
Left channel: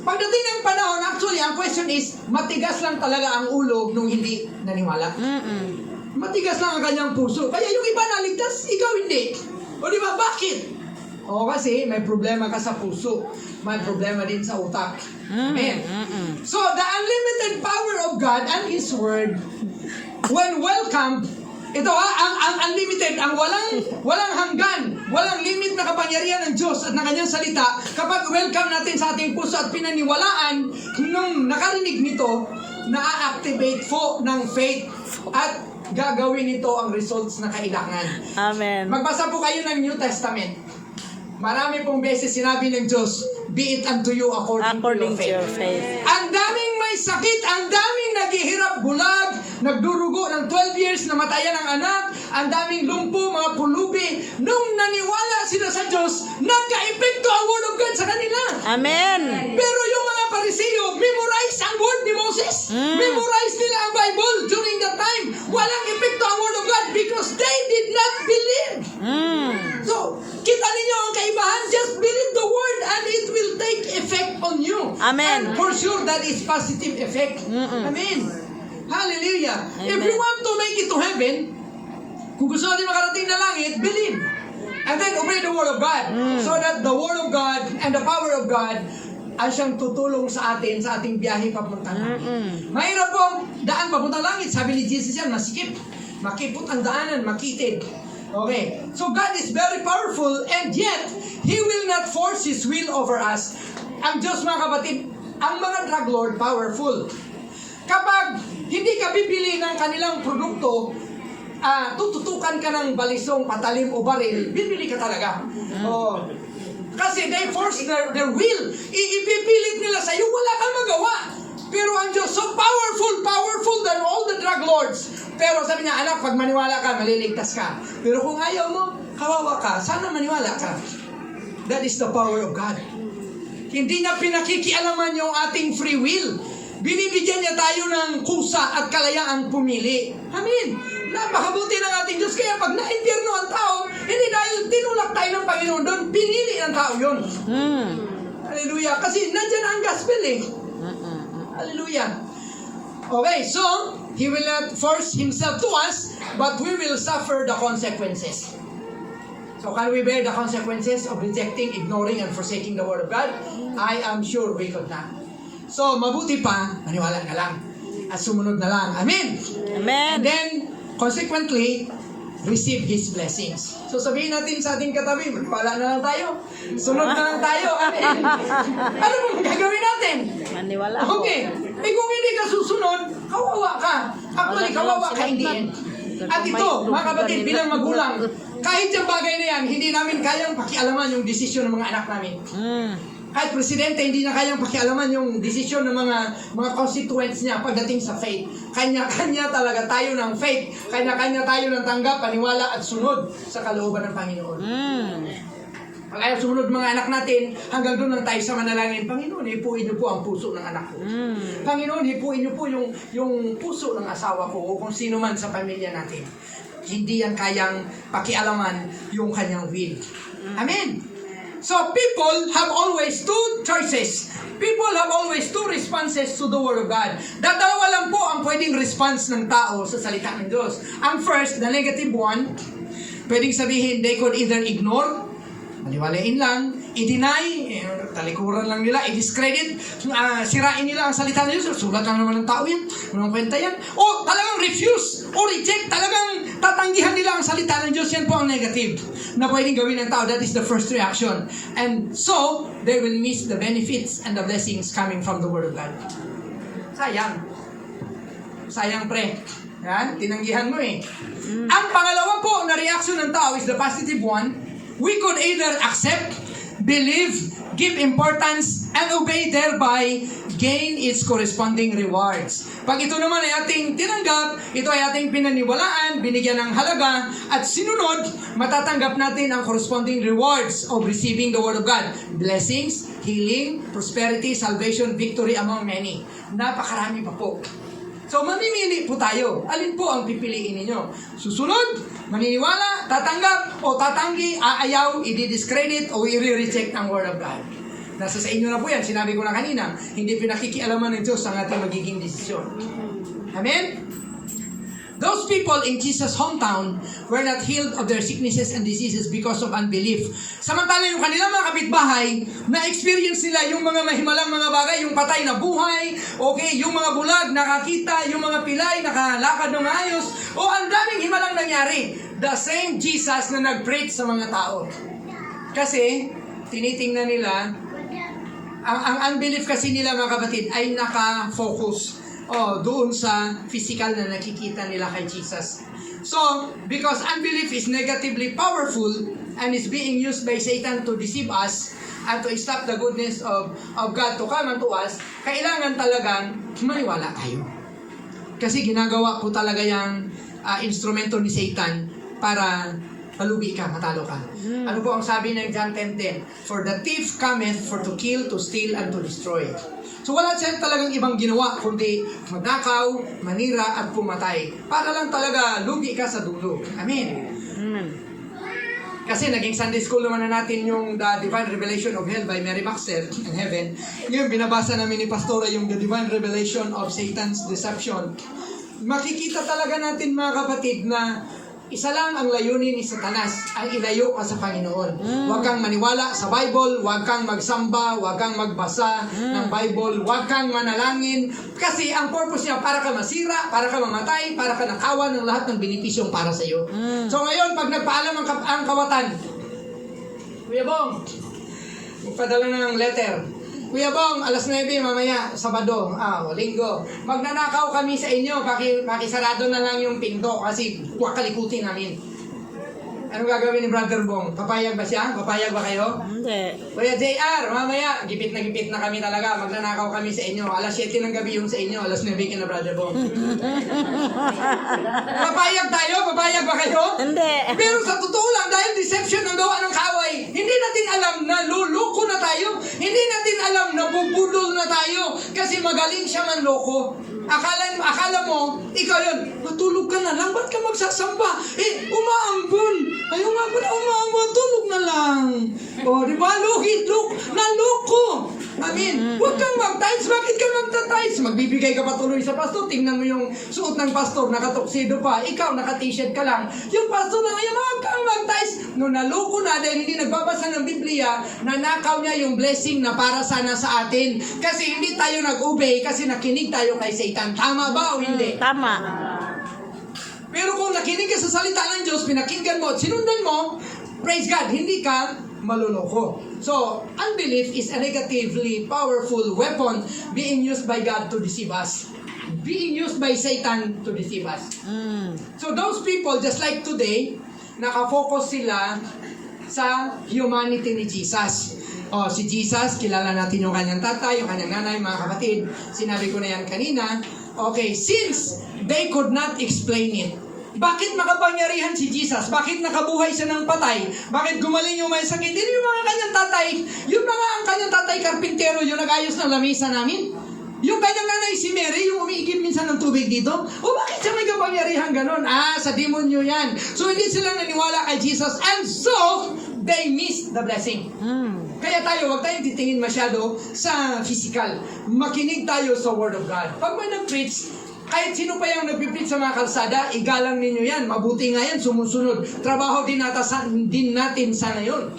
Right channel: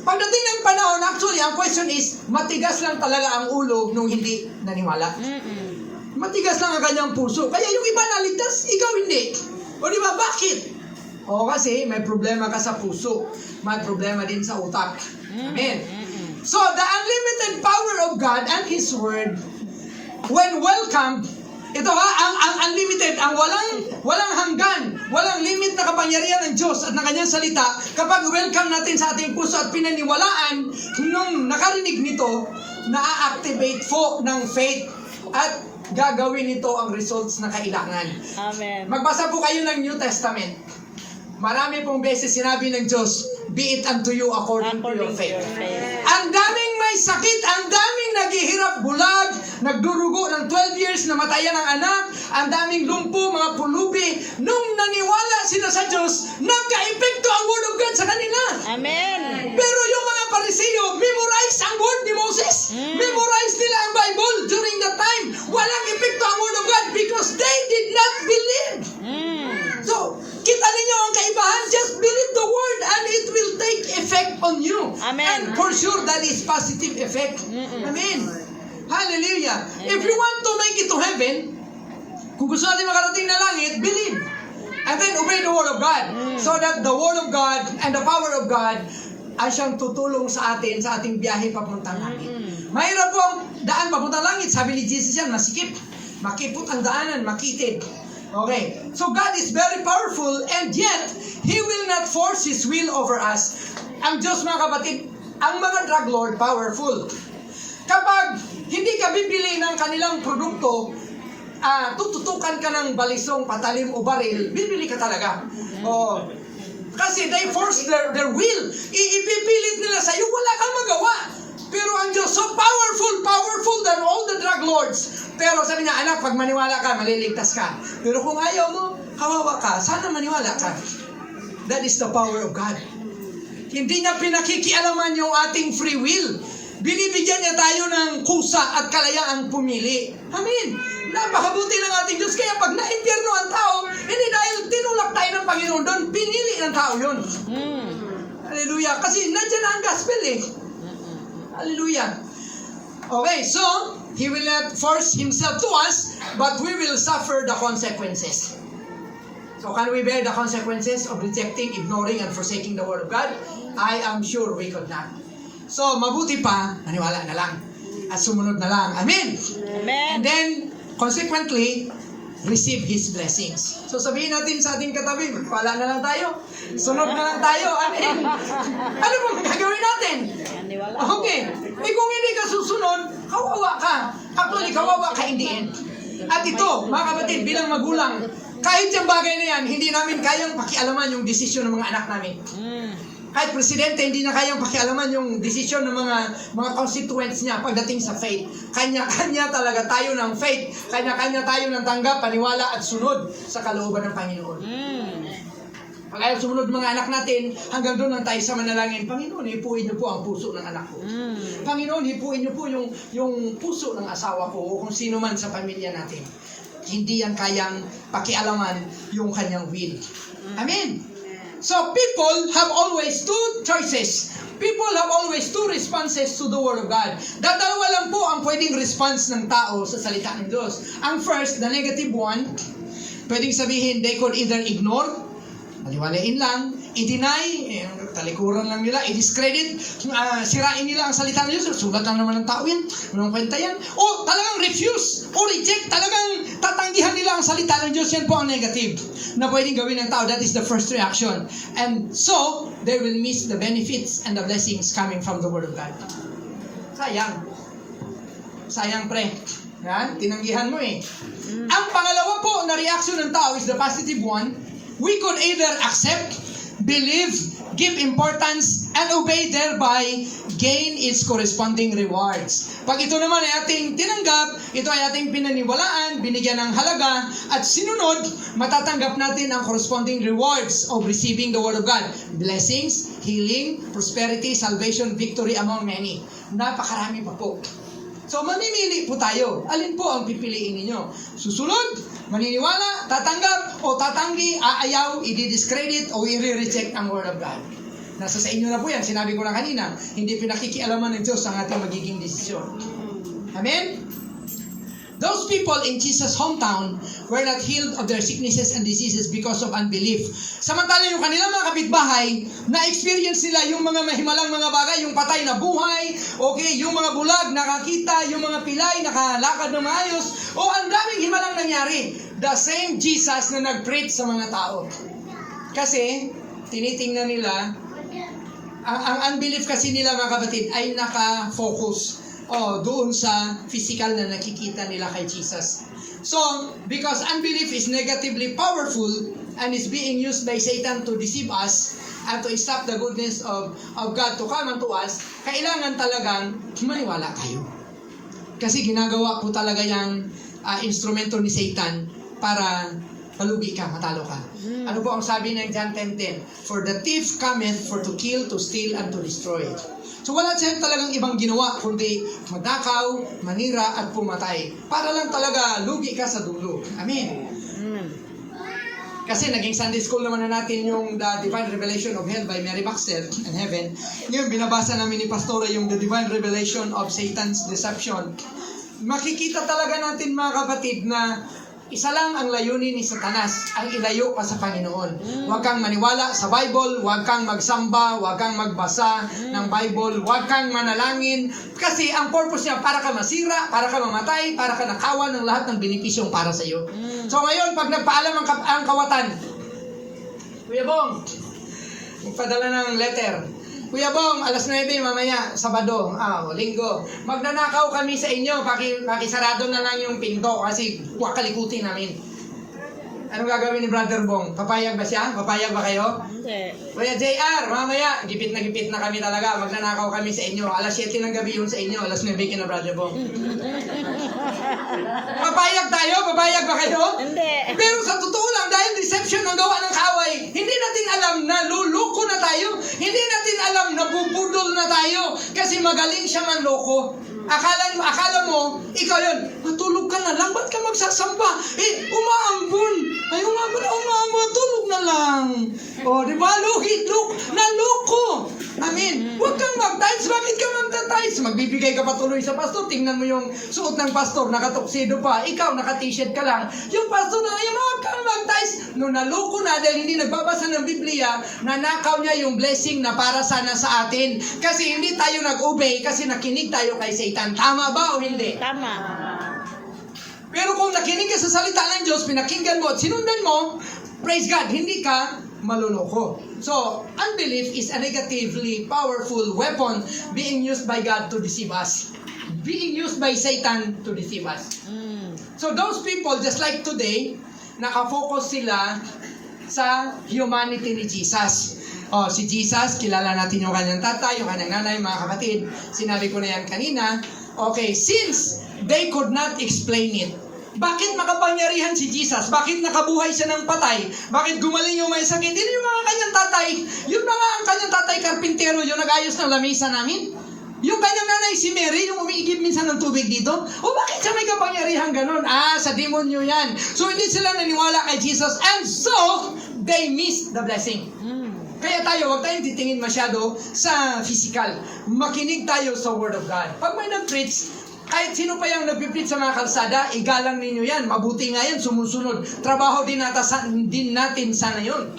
pagdating ng panahon, actually, ang question is, matigas lang talaga ang ulo nung hindi naniwala. Matigas lang ang kanyang puso. Kaya yung iba naligtas, ikaw hindi. O di ba, bakit? O kasi may problema ka sa puso. May problema din sa utak. Amen. So, the unlimited power of God and His Word, when welcomed, ito ang unlimited, ang walang hanggan, walang limit na kapangyarihan ng Diyos at ng kanyang salita, kapag welcome natin sa ating puso at pinaniwalaan, nung nakarinig nito, na-activate po ng faith at gagawin nito ang results na kailangan. Amen. Magbasa po kayo ng New Testament. Marami pong beses sinabi ng Diyos, be it unto you according to your faith. Ang daming may sakit, ang daming naghihirap bulag, nagdurugo ng 12 years, namatayan ang anak, ang daming lumpo, mga pulubi. Nung naniwala sila sa Diyos, nagka-epekto ang Word of God sa kanila. Amen. Pero yung mga Pariseo, memorize ang word ni Moses. Memorize nila ang Bible during that time. Walang epekto ang Word of God because they did not believe. So, kita ninyo ang kaibahan. Just believe the Word and it will take effect on you. Amen. And for sure, that is positive effect. Amen. Hallelujah. If you want to make it to heaven, kung gusto natin makarating na langit, believe. And then obey the Word of God. So that the Word of God and the power of God ay siyang tutulong sa atin sa ating biyahe papuntang langit. Mahirap pong daan papuntang langit. Sabi ni Jesus yan, masikip. Makipot ang daanan, makitid. Okay. So God is very powerful and yet, He will not force His will over us. Ang Diyos, mga kapatid, ang mga drug lord, powerful. Kapag hindi ka bibili ng kanilang produkto, tututukan ka ng balisong, patalim o baril, bibili ka talaga. Kasi they force their will. Ipipilit nila sa iyo, wala kang magawa. Pero ang Diyos, so powerful than all the drug lords. Pero sabi niya, anak, pag maniwala ka, maliligtas ka. Pero kung ayaw mo, kawawa ka, sana maniwala ka. That is the power of God. Hindi niya pinakikialaman yung ating free will. Binibigyan niya tayo ng kusa at kalayaang pumili. Amen. Napakabuti ng ating Diyos. Kaya pag na-impyerno ang tao, hindi dahil tinulak tayo ng Panginoon doon, pinili ng tao yun. Hallelujah. Kasi nandyan ang gospel eh. Hallelujah. Okay, so, He will not force Himself to us, but we will suffer the consequences. So can we bear the consequences of rejecting, ignoring, and forsaking the Word of God? I am sure we could not. So, mabuti pa, maniwala na lang. At sumunod na lang. Amen? Amen. And then, consequently, receive His blessings. So, sabihin natin sa ating katabi, maniwala na lang tayo. Sunod na lang tayo. Amen? Ano ba gagawin natin? Maniwala. Okay. Kung hindi ka susunod, kawawa ka. Actually, kawawa ka in the end. At ito, mga kapatid, bilang magulang, kahit yung bagay na yan, hindi namin kayang pakialaman yung desisyon ng mga anak namin. Kahit presidente, hindi na kayang pakialaman yung desisyon ng mga constituents niya pagdating sa faith. Kanya-kanya talaga tayo ng faith. Kanya-kanya tayo ng tanggap, paniwala at sunod sa kalooban ng Panginoon. Pag ayaw sumunod mga anak natin, hanggang doon lang tayo sa manalangin, Panginoon, hipuin niyo po ang puso ng anak ko. Panginoon, hipuin niyo po yung puso ng asawa ko o kung sino man sa pamilya natin. hindi yan kayang pakialaman yung kanyang will. Amen? So, people have always two choices. People have always two responses to the Word of God. Dalawa lang po ang pwedeng response ng tao sa salita ng Diyos. Ang first, the negative one, pwedeng sabihin, they could either ignore, maliwalain lang, i-deny, talikuran lang nila, i-discredit, sirain nila ang salita ng Diyos, sulat lang naman ng tao yan, walang kwenta yan, o talagang refuse, o reject, talagang tatanggihan nila ang salita ng Diyos. Yan po ang negative na pwedeng gawin ng tao. That is the first reaction. And so, they will miss the benefits and the blessings coming from the Word of God. Sayang. Sayang, pre. Yan, tinanggihan mo eh. Ang pangalawa po na reaction ng tao is the positive one. We could either accept, believe, give importance, and obey, thereby gain its corresponding rewards. Pag ito naman ay ating tinanggap, ito ay ating pinaniwalaan, binigyan ng halaga, at sinunod, matatanggap natin ang corresponding rewards of receiving the Word of God. Blessings, healing, prosperity, salvation, victory among many. Napakarami pa po. So, mamimili po tayo. Alin po ang pipiliin ninyo? Susunod, maniniwala, tatanggap, o tatanggi, aayaw, i-discredit, o i-reject ang Word of God. Nasa sa inyo na po yan. Sinabi ko na kanina, hindi pinakikialaman ng Diyos ang ating magiging desisyon. Amen? Those people in Jesus' hometown were not healed of their sicknesses and diseases because of unbelief. Samantala yung kanilang mga kapitbahay, na-experience nila yung mga mahimalang mga bagay, yung patay na buhay, okay, yung mga bulag nakakita, yung mga pilay nakalakad ng maayos, o ang daming himalang nangyari. The same Jesus na nag-preach sa mga tao. Kasi, tinitingnan nila, ang unbelief kasi nila mga kapatid ay naka-focus doon sa physical na nakikita nila kay Jesus. So, because unbelief is negatively powerful and is being used by Satan to deceive us and to stop the goodness of God to come unto us, kailangan talagang maniwala tayo. Kasi ginagawa po talaga yung instrumento ni Satan para palugi ka, matalo ka. Ano po ang sabi ng John 10:10? For the thief cometh for to kill, to steal, and to destroy. So wala siya talagang ibang ginawa kundi magnakaw, manira, at pumatay. Para lang talaga lugi ka sa dulo. Amen. Kasi naging Sunday school naman na natin yung The Divine Revelation of Hell by Mary Baxter and Heaven. Ngayon binabasa namin ni Pastora yung The Divine Revelation of Satan's Deception. Makikita talaga natin mga kapatid na isa lang ang layunin ni Satanas, ang ilayo ka sa Panginoon. Huwag kang maniwala sa Bible, huwag kang magsamba, huwag kang magbasa ng Bible, huwag kang manalangin. Kasi ang purpose niya, para ka masira, para ka mamatay, para ka nakawan ng lahat ng benepisyong para sa iyo. So ngayon, pag nagpaalam ang kawatan, Kuya Bong, magpadala ng letter. Kuya Bong, alas 9 mamaya, Sabado, Linggo. Magnanakaw kami sa inyo, pakisarado na lang yung pinto kasi kalikutin namin. Anong gagawin ni Brother Bong? Papayag ba siya? Papayag ba kayo? Hindi. Kuya JR, mamaya, gipit na kami talaga. Magnanakaw kami sa inyo. Alas 7 ng gabi yun sa inyo, alas 9 na Brother Bong. Papayag tayo? Papayag ba kayo? Hindi. Pero sa totoo lang, dahil deception ang gawa ng kaway, hindi natin alam na luluko na tayo. Hindi natin alam na bubudol na tayo. Kasi magaling siya manloko. Akala mo, ikaw yun, matulog ka na lang, ba't ka magsasamba? Umaambon. Ayaw nga ba na umaambon, tulog na lang. Di ba? Naloko. Amen. Huwag kang mag-tights. Bakit ka mag-tights? Magbibigay ka pa tuloy sa pastor. Tingnan mo yung suot ng pastor, nakatoksido pa. Ikaw, naka-t-shirt ka lang. Yung pastor na ngayon, huwag kang mag-tights. No, naloko na dahil hindi nagbabasa ng Biblia, nanakaw niya yung blessing na para sana sa atin. Kasi hindi tayo nag-obey kasi nakinig tayo kay Satan. Tama ba o hindi? Tama. Pero kung nakinig ka sa salita ng Diyos, pinakinggan mo at sinundan mo, praise God, hindi ka maluloko. So, unbelief is a negatively powerful weapon being used by God to deceive us. Being used by Satan to deceive us. So, those people, just like today, nakafocus sila sa humanity ni Jesus. Si Jesus, kilala natin yung kanyang tatay, yung kanyang nanay, mga kapatid. Sinabi ko na yan kanina. Okay, since they could not explain it, bakit makapangyarihan si Jesus? Bakit nakabuhay siya ng patay? Bakit gumaling yung may sakit? Hindi yung mga kanyang tatay. Yung mga ang kanyang tatay, karpintero, yung nag-ayos ng lamisa namin. Yung kanyang nanay si Mary, yung umiigib minsan ng tubig dito, o bakit siya may kapangyarihan ganon? Sa demonyo yan. So hindi sila naniwala kay Jesus, and so, they missed the blessing. Kaya tayo, huwag tayong titingin masyado sa physical. Makinig tayo sa Word of God. Pag may nag-preach, kahit sino pa yung nagpipreach sa mga kalsada, igalang ninyo yan. Mabuti nga yan, sumusunod. Trabaho din natin sana yun.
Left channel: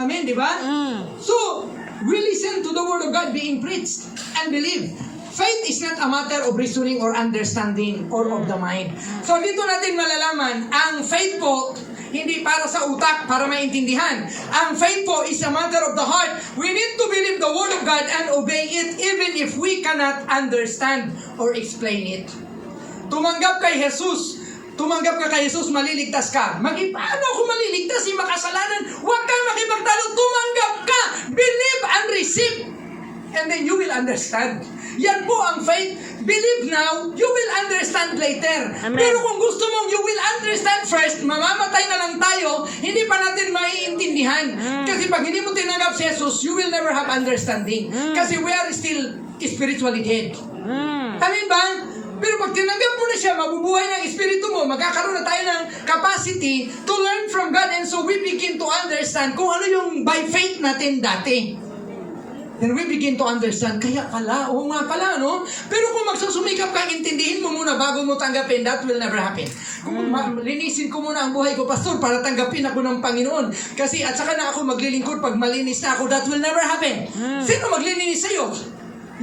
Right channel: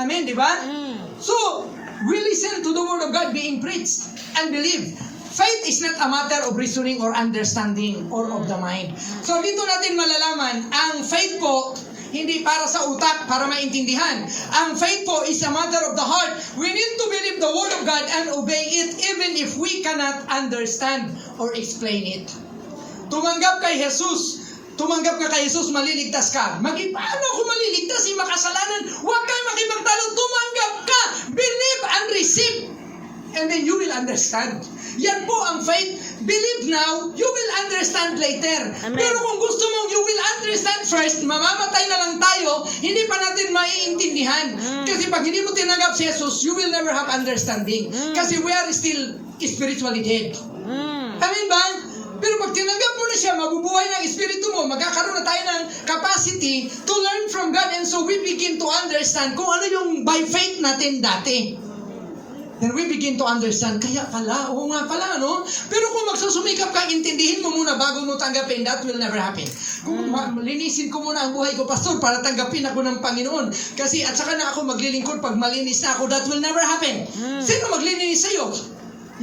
Amen, di ba? So, we listen to the Word of God being preached and believe. Faith is not a matter of reasoning or understanding or of the mind. So, dito natin malalaman, ang faith po, hindi para sa utak, para maintindihan. Ang faith po is a matter of the heart. We need to believe the Word of God and obey it even if we cannot understand or explain it. Tumanggap kay Jesus. Tumanggap ka kay Jesus, maliligtas ka. Paano ako maliligtas? Makasalanan. Huwag kang makipagtalo. Tumanggap ka. Believe and receive. And then you will understand. Yan po ang faith. Believe now, you will understand later. Amen. Pero kung gusto mong you will understand first, mamamatay na lang tayo, hindi pa natin maiintindihan. Kasi pag hindi mo tinanggap si Jesus, you will never have understanding. Kasi we are still spiritually dead. Amen ba? Pero pag tinanggap mo na siya, mabubuhay ng espiritu mo, magkakaroon na tayo ng capacity to learn from God, and so we begin to understand kung ano yung by faith natin dati. Then we begin to understand, kaya pala, oo nga pala, no? Pero kung magsusumikap ka, intindihin mo muna bago mo tanggapin, that will never happen. Kung linisin ko muna ang buhay ko, Pastor, para tanggapin ako ng Panginoon. Kasi at saka na ako maglilingkod pag malinis na ako, that will never happen. Sino maglilinis sa'yo?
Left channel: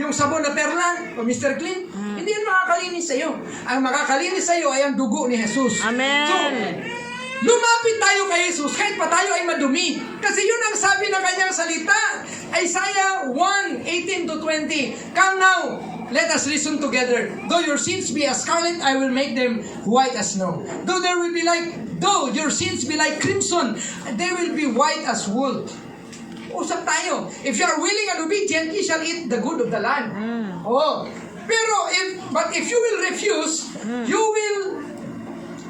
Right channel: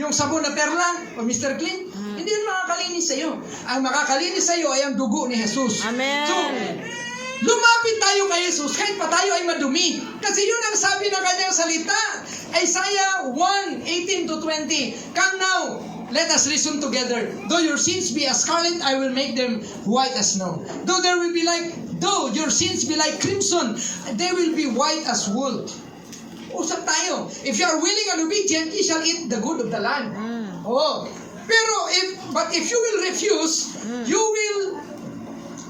Yung sabon na perla o Mr. Clean? Hindi yun makakalinis sa'yo. Ang makakalinis sa'yo ay ang dugo ni Jesus. Amen. So, lumapit tayo kay Jesus kahit pa tayo ay madumi. Kasi yun ang sabi ng kanyang salita. Isaiah 1:18-20. Come now, let us reason together. Though your sins be as scarlet, I will make them white as snow. Though your sins be like crimson, they will be white as wool. Usap tayo. If you are willing and obedient, ye shall eat the good of the land. Pero if you will refuse, you will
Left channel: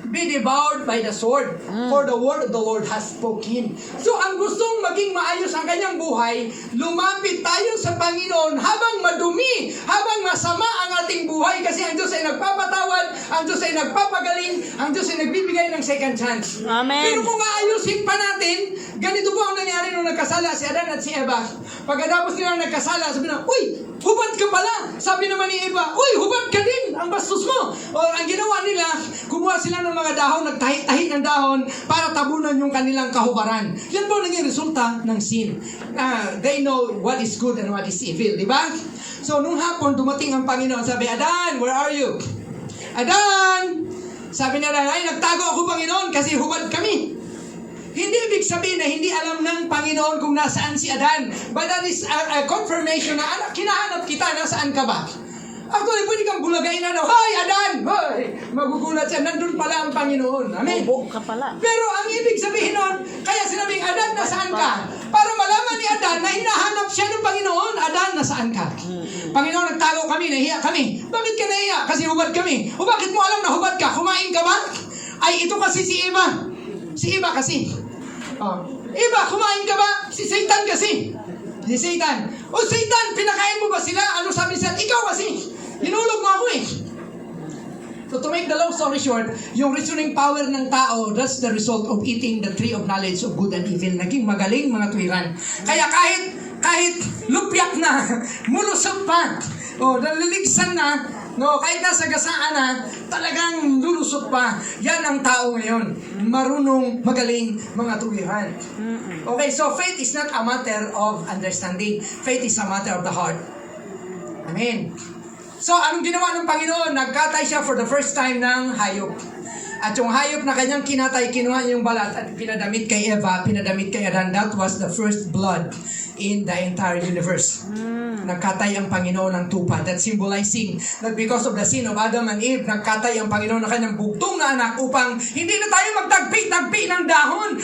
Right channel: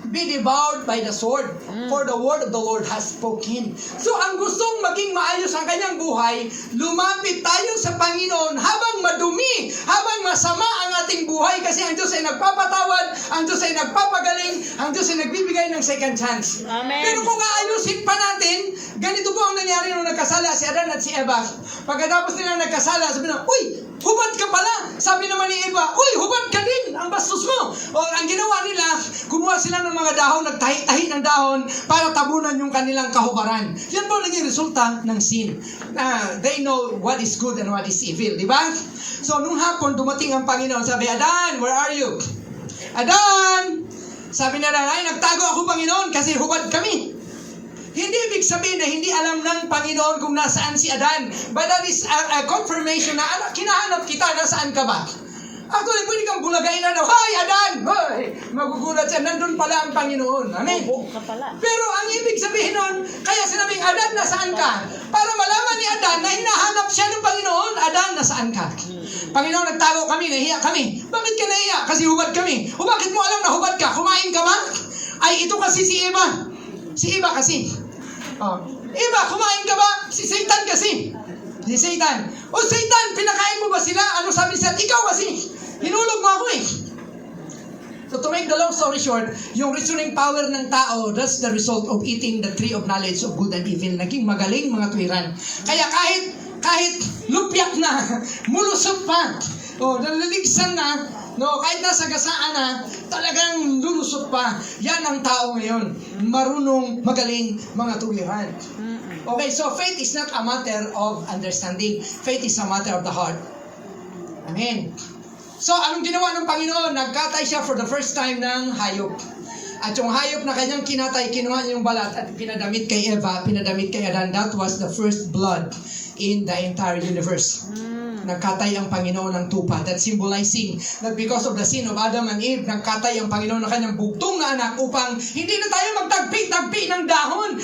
be devoured by the sword, for the word of the Lord has spoken. So, ang gustong maging maayos ang kanyang buhay, lumapit tayo sa Panginoon habang madumi, habang masama ang ating buhay, kasi ang Diyos ay nagpapatawad, ang Diyos ay nagpapagaling, ang Diyos ay nagbibigay ng second chance. Amen. Pero kung aayusin pa natin, ganito po ang nangyari nung nagkasala si Adan at si Eva. Pagkatapos nila nagkasala, sabi na, uy, hubad ka pala. Sabi naman ni Eva, uy, hubad ka din, ang bastos mo. O ang ginawa nila, kumuha sila ng mga dahon, nagtahi-tahi ng dahon para tabunan yung kanilang kahubaran. Yan po naging resulta ng sin. They know what is good and what is evil, di ba? So, nung hapon, dumating ang Panginoon, sabi, Adan, where are you? Adan! Sabi na ay, nagtago ako, Panginoon, kasi hubad kami. Hindi ibig sabihin na hindi alam ng Panginoon kung nasaan si Adan. But that is a confirmation na, kinahanap kita, nasaan ka ba? Actually, pwede kang bulagain na, Hi, Adan! Hoy! Magugulat siya, nandun pala ang Panginoon. Amen? Bobo ka pala. Pero ang ibig sabihin nun, kaya sinabing, Adan, nasaan ka? Para malaman ni Adan na hinahanap siya ng Panginoon, Adan, nasaan ka? Panginoon, nagtago kami, nahiya kami. Bakit ka nahiya? Kasi hubad kami. O bakit mo alam na hubad ka? Kumain ka ba? Ay, ito kasi si Eva. Si Eva kasi. Eva, kumain ka ba? Si Satan kasi. Si Satan. O Satan, pinakain mo ba sila? Ano sabi niya? Ikaw kasi. Hinulog mo ako eh. So to make the long story short, yung reasoning power ng tao, that's the result of eating the tree of knowledge of good and evil. Naging magaling mga tuwiran. Kaya kahit lupyak na, mulusot pa, naliligsan na, kahit nasa gasaan na, talagang lulusot pa. Yan ang tao ngayon. Marunong, magaling mga tuwiran. Okay, so faith is not a matter of understanding. Faith is a matter of the heart. Amen. So, anong ginawa ng Panginoon? Nagkatay siya for the first time ng hayop. At yung hayop na kanyang kinatay, kinuha niya yung balat at pinadamit kay Eva, pinadamit kay Adan. That was the first blood in the entire universe. Nagkatay ang Panginoon ng tupa. That's symbolizing that because of the sin of Adam and Eve, nagkatay ang Panginoon ng kanyang bugtong na anak upang hindi na tayo magtagpi-tagpi ng dahon.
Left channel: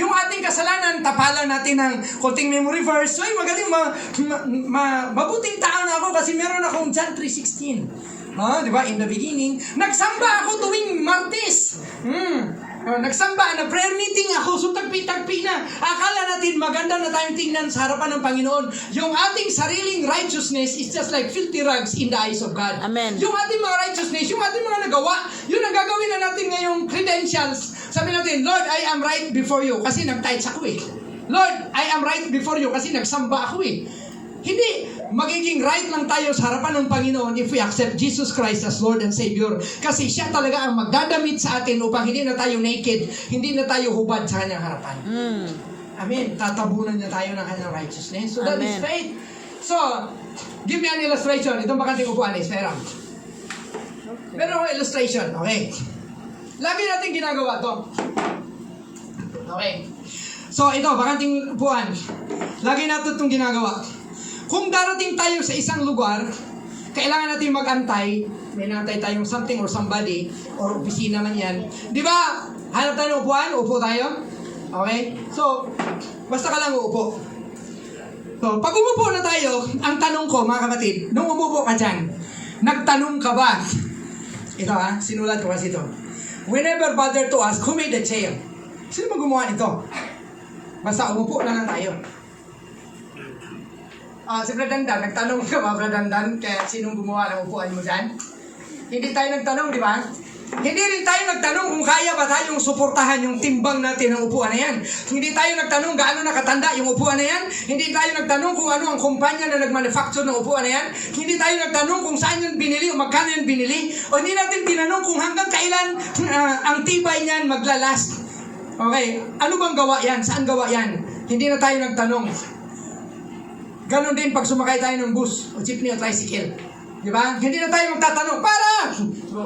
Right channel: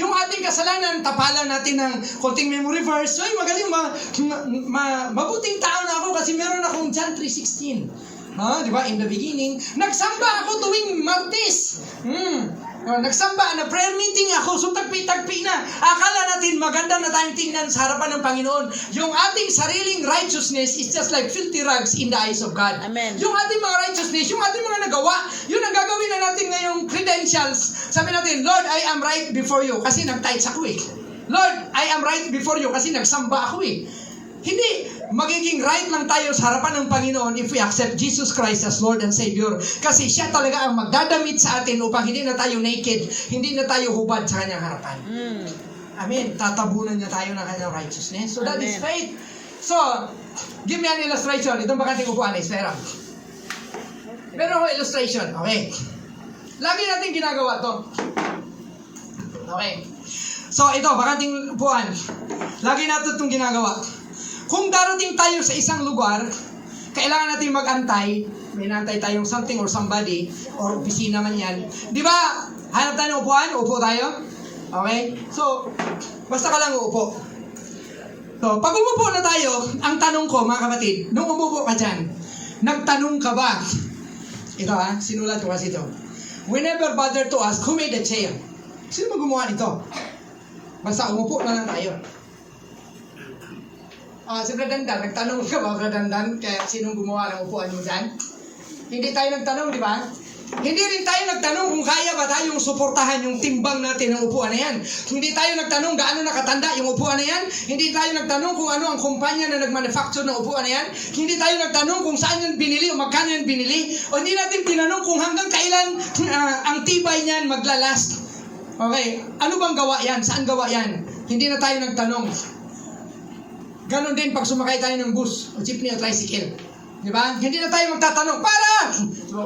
Yung ating kasalanan, tapalan natin ng konting memory verse. Ay, magaling, mabuting tao na ako kasi meron akong John 3:16. Di ba? In the beginning, nagsamba ako tuwing Martes. Nagsamba na prayer meeting ako, so tagpi-tagpi na. Akala natin maganda na tayong tingnan sa harapan ng Panginoon. Yung ating sariling righteousness is just like filthy rags in the eyes of God. Amen. Yung ating mga righteousness, yung ating mga nagawa, yun ang gagawin na natin ngayong credentials. Sabi natin, Lord, I am right before you. Kasi nag-tithes ako eh. Lord, I am right before you. Kasi nagsamba ako eh. Hindi, magiging right lang tayo sa harapan ng Panginoon if we accept Jesus Christ as Lord and Savior. Kasi siya talaga ang magdadamit sa atin upang hindi na tayo naked, hindi na tayo hubad sa kanyang harapan. Amen. Tatabunan niya tayo ng kanyang righteousness. So that is Amen. faith. So, give me an illustration. Itong bakanting upuan is meron. Meron ako illustration. Okay. Lagi natin ginagawa to. Okay. So, ito, bakanting upuan. Lagi natin itong ginagawa. Kung darating tayo sa isang lugar, kailangan natin mag-antay. May nantay tayong something or somebody, or opisina man yan. Di ba? Hanap tayo ng upuan? Upo tayo? Okay? So, basta ka lang uupo. So, pag umupo na tayo, ang tanong ko, mga kapatid, nung umupo ka dyan, nagtanong ka ba? Ito sinulat ko kasi ito. We never bother to ask who made the chair. Sino ba gumawa nito? Basta umupo na lang tayo. Si Bradandan, nagtanong ka ba, Bradandan, kaya sinong gumawa ng upuan mo dyan? Hindi tayo nagtanong, di ba? Hindi rin tayo nagtanong kung kaya ba tayong suportahan yung timbang natin ng upuan na yan. Hindi tayo nagtanong gaano nakatanda yung upuan na yan. Hindi tayo nagtanong kung ano ang kumpanya na nagmanufacture ng upuan na yan. Hindi tayo nagtanong kung saan yan binili o magkano yan binili. O hindi natin tinanong kung hanggang kailan ang tibay niyan maglalast. Okay, ano bang gawa yan? Saan gawa yan? Hindi na tayo nagtanong. Ganon din pag sumakay tayo ng bus o jeepney o tricycle. Di ba? Hindi na tayo magtatanong, para!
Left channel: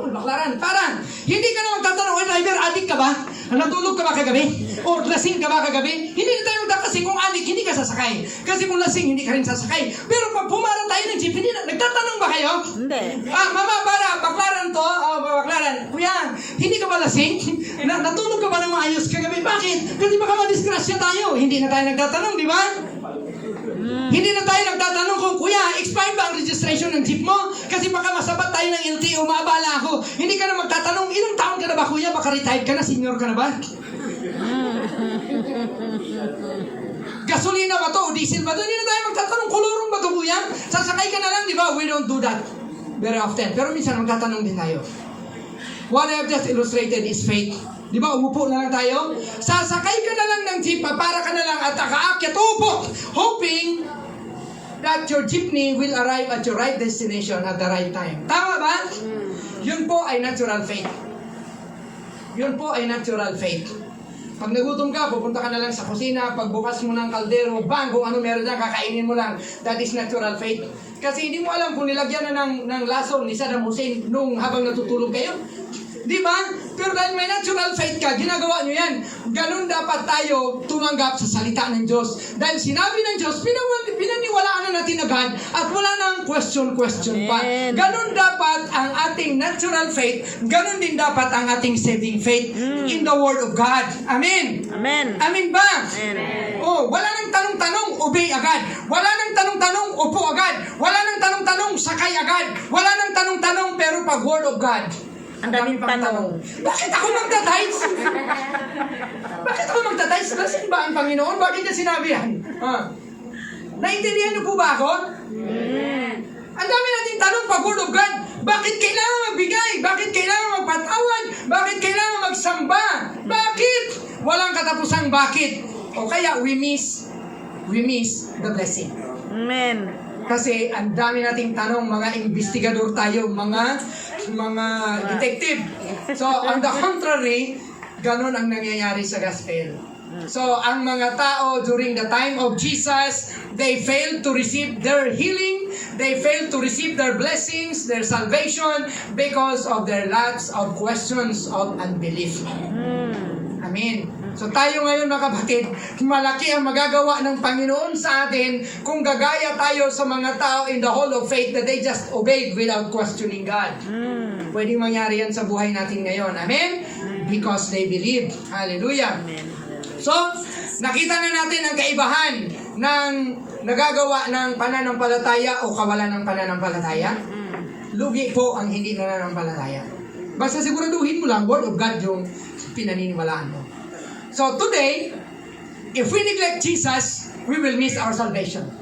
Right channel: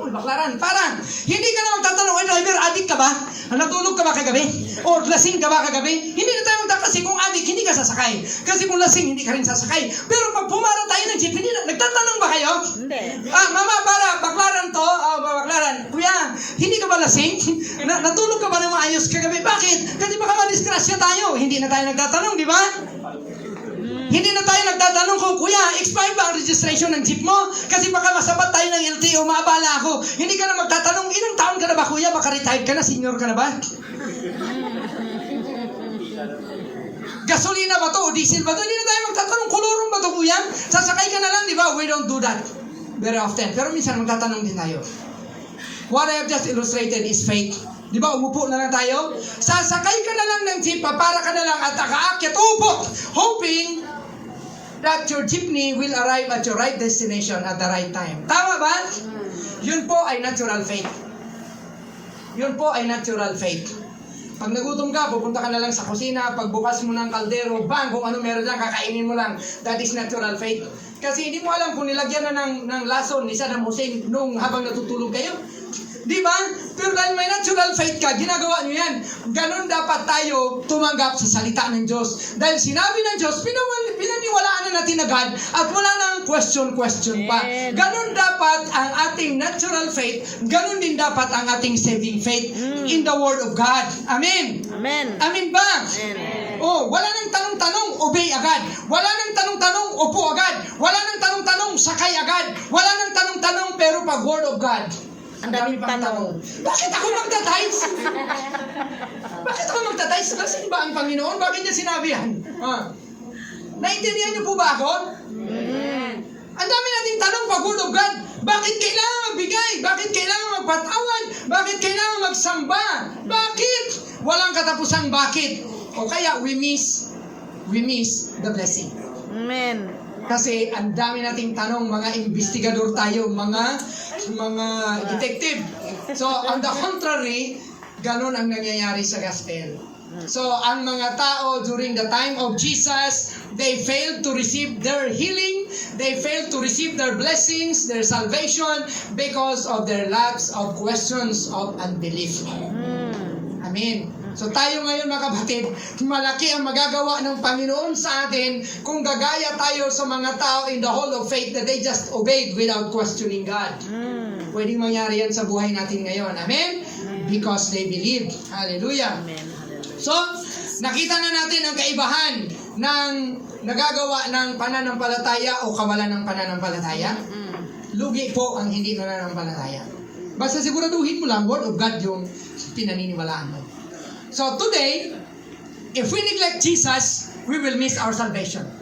Uy, baklaran, para! Hindi ka na magtatanong, oy driver, adik ka ba? Natulog ka ba kagabi? O lasing ka ba kagabi? Hindi na tayo magtatanong kasi kung adik, hindi ka sasakay. Kasi kung lasing, hindi ka rin sasakay. Pero pag pumara tayo ng jeep, nagtatanong ba kayo? Hindi. Mama, para, baklaran to. Baklaran. Kuya, hindi ka ba lasing? Natulog ka ba ng maayos kagabi? Bakit? Kasi baka madisgrasya tayo. Hindi na tayo nagtatanong, di ba? Hindi na tayo nagtatanong kung, kuya, expired ba ang registration ng jeep mo? Kasi baka masabat tayo ng LTO, maabala ako. Hindi ka na magtatanong, ilang taon ka na ba, kuya? Baka retired ka na, senior ka na ba? Gasolina ba to o diesel ba to? Hindi na tayo magtatanong, kulurong ba to, kuya? Sasakay ka na lang, di ba? We don't do that very often. Pero minsan magtatanong din tayo. What I have just illustrated is faith. Di ba, umupo na lang tayo? Sasakay ka na lang ng jeep, para ka na lang at nakaakyat, upo, hoping that your jeepney will arrive at your right destination at the right time. Tama ba? Yun po ay natural faith. Yun po ay natural faith. Pag nagutom ka, pupunta ka na lang sa kusina, pagbukas mo ng kaldero, bang, kung ano meron dyan, kakainin mo lang. That is natural faith. Kasi hindi mo alam kung nilagyan na ng lason ni Saddam Hussein nung habang natutulog kayo. Di ba? Pero dahil may natural faith ka, ginagawa nyo yan. Ganon dapat tayo tumanggap sa salita ng Diyos. Dahil sinabi ng Diyos, pinaniwalaan na natin agad at wala nang question pa. Ganon dapat ang ating natural faith, ganon din dapat ang ating saving faith in the Word of God. Amen? Amen. Amen ba? Amen. Oh, wala nang tanong-tanong, obey agad. Wala nang tanong-tanong, upo agad. Wala nang tanong-tanong, sakay agad. Wala nang tanong-tanong, pero pag Word of God, Ang daming tanong. bakit ako magtatides? Bakit ako magtatides? Kasi ba ang Panginoon? Bakit niya sinabi yan? Naintindihan niyo po ba ako? Ang dami nating tanong pag Word of God. Bakit kailangan magbigay? Bakit kailangan magpatawad? Bakit kailangan magsamba? Bakit? Walang katapusang bakit. O kaya we miss the blessing. Amen. Kasi ang dami nating tanong, mga investigador tayo, mga detective. So, on the contrary, ganun ang nangyayari sa gospel. So, ang mga tao during the time of Jesus, they failed to receive their healing, they failed to receive their blessings, their salvation, because of their lacks of questions of unbelief. Amen. So tayo ngayon mga kapatid, malaki ang magagawa ng Panginoon sa atin kung gagaya tayo sa mga tao in the hall of faith that they just obeyed without questioning God. Pwedeng mangyari yan sa buhay natin ngayon. Amen? Because they believe. Hallelujah. Amen. Hallelujah. So, nakita na natin ang kaibahan ng nagagawa ng pananampalataya o kawalan ng pananampalataya. Lugi po ang hindi nananampalataya. Basta siguraduhin mo lang, Word of God yung pinaniniwalaan mo. So today, if we neglect Jesus, we will miss our salvation.